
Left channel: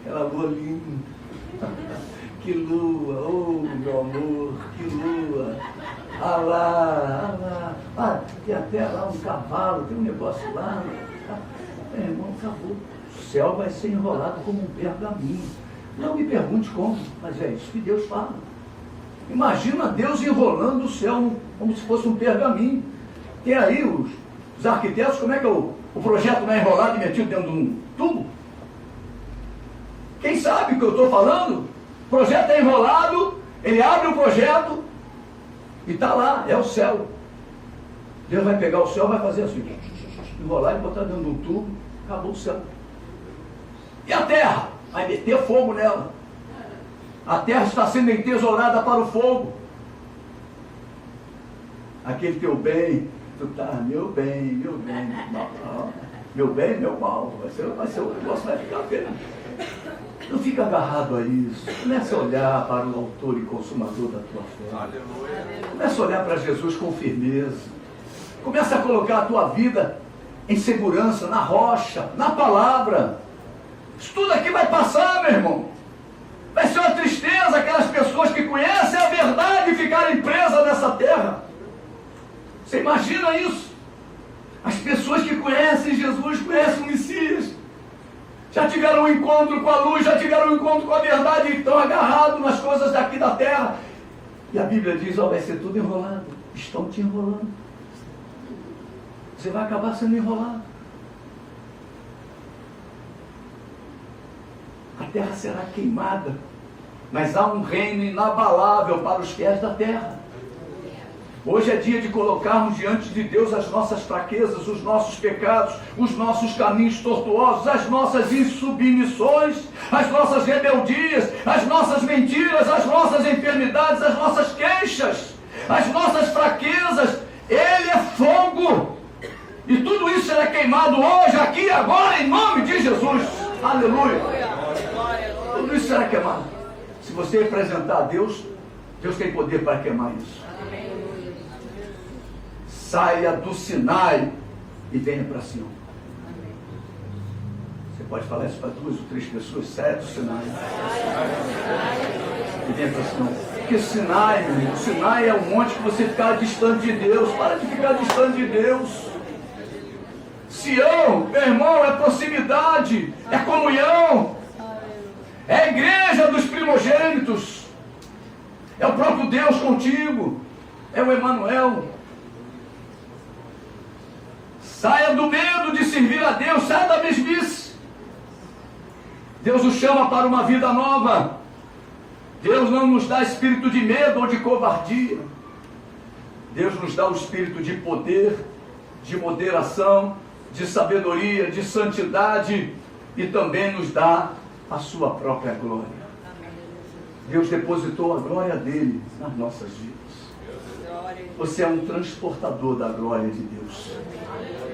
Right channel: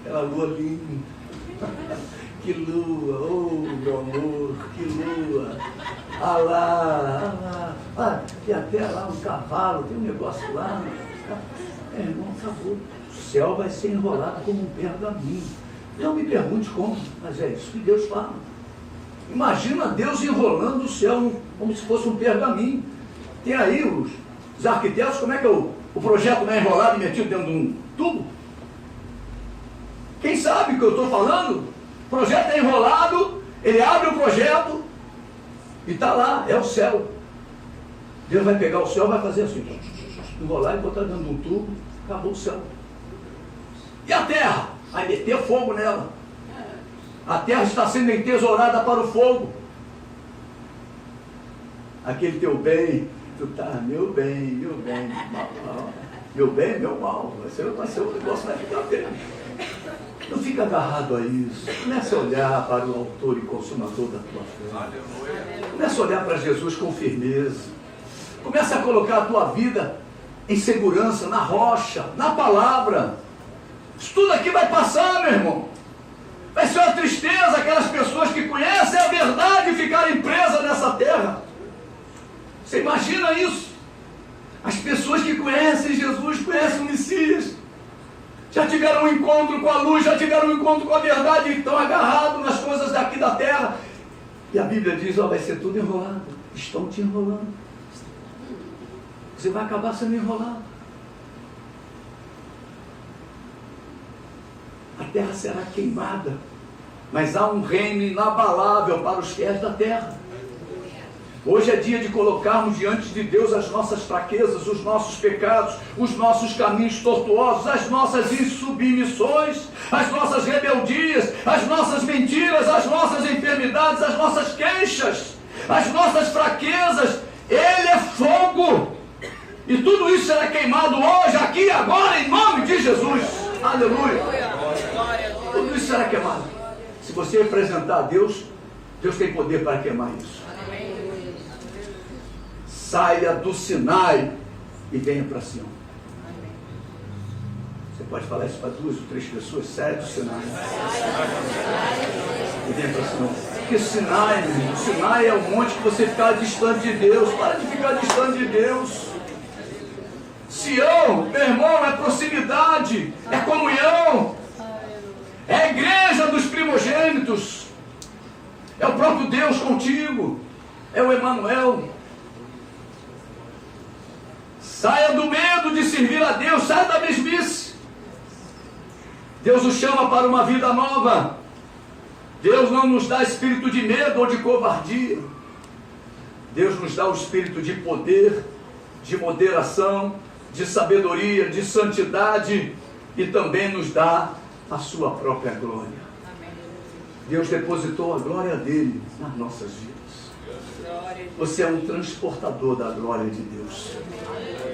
Aquela lua linda. Que lua, oh meu amor, que lua. Ah lá. Ah, tem até lá um cavalo, tem um negócio lá. Meu irmão, acabou. O céu vai ser enrolado como um pergaminho. Não me pergunte como, mas é isso que Deus fala. Imagina Deus enrolando o céu como se fosse um pergaminho. Tem aí os arquitetos, como é que o projeto não é enrolado e metido dentro de um tubo? Quem sabe o que eu estou falando? O projeto é enrolado, ele abre o projeto e está lá, é o céu. Deus vai pegar o céu e vai fazer assim, enrolar e botar dentro de um tubo, acabou o céu. E a terra? Vai meter fogo nela. A terra está sendo entesourada para o fogo. Aquele teu bem, tu tá, meu bem, mal. Meu bem, meu mal. Vai ser o negócio, vai ficar bem. Não fica agarrado a isso. Comece a olhar para o autor e consumador da tua fé. Comece a olhar para Jesus com firmeza. Comece a colocar a tua vida em segurança, na rocha, na palavra. Isso tudo aqui vai passar, meu irmão. Vai ser uma tristeza aquelas pessoas que conhecem a verdade e ficarem presas nessa terra. Você imagina isso? As pessoas que conhecem Jesus, conhecem o Messias, já tiveram um encontro com a luz, já tiveram um encontro com a verdade e estão agarrados nas coisas daqui da terra. E a Bíblia diz, vai ser tudo enrolado. Estão te enrolando. Você vai acabar sendo enrolado. A terra será queimada, mas há um reino inabalável para os fiéis da terra. Hoje é dia de colocarmos diante de Deus as nossas fraquezas, os nossos pecados, os nossos caminhos tortuosos, as nossas insubmissões, as nossas rebeldias, as nossas mentiras, as nossas enfermidades, as nossas queixas, as nossas fraquezas. Ele é fogo. E tudo isso será queimado hoje, aqui e agora, em nome de Jesus. Aleluia. Tudo isso será queimado. Se você apresentar a Deus, Deus tem poder para queimar isso. Saia do Sinai e venha para Sião. Você pode falar isso para 2 ou 3 pessoas? Saia do Sinai e venha para Sião. Porque Sinai, meu irmão, Sinai é um monte que você fica distante de Deus. Para de ficar distante de Deus. Sião, meu irmão, é proximidade, é comunhão, é a igreja dos primogênitos, é o próprio Deus contigo, é o Emanuel. Saia do medo de servir a Deus, saia da mesmice. Deus o chama para uma vida nova. Deus não nos dá espírito de medo ou de covardia. Deus nos dá o espírito de poder, de moderação, de sabedoria, de santidade, e também nos dá a sua própria glória. Deus depositou a glória dele nas nossas vidas. Você é um transportador da glória de Deus.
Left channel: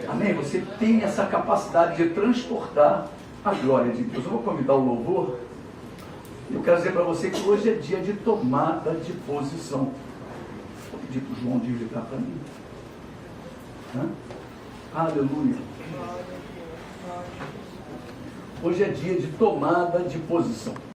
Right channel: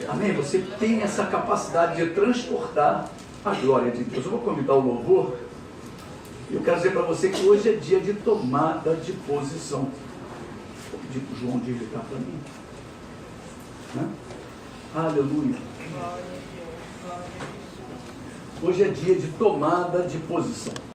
Amém? Você tem essa capacidade de transportar a glória de Deus. Eu vou convidar o louvor. Eu quero dizer para você que hoje é dia de tomada de posição. Vou pedir para o João de ligar para mim. Aleluia. Hoje é dia de tomada de posição.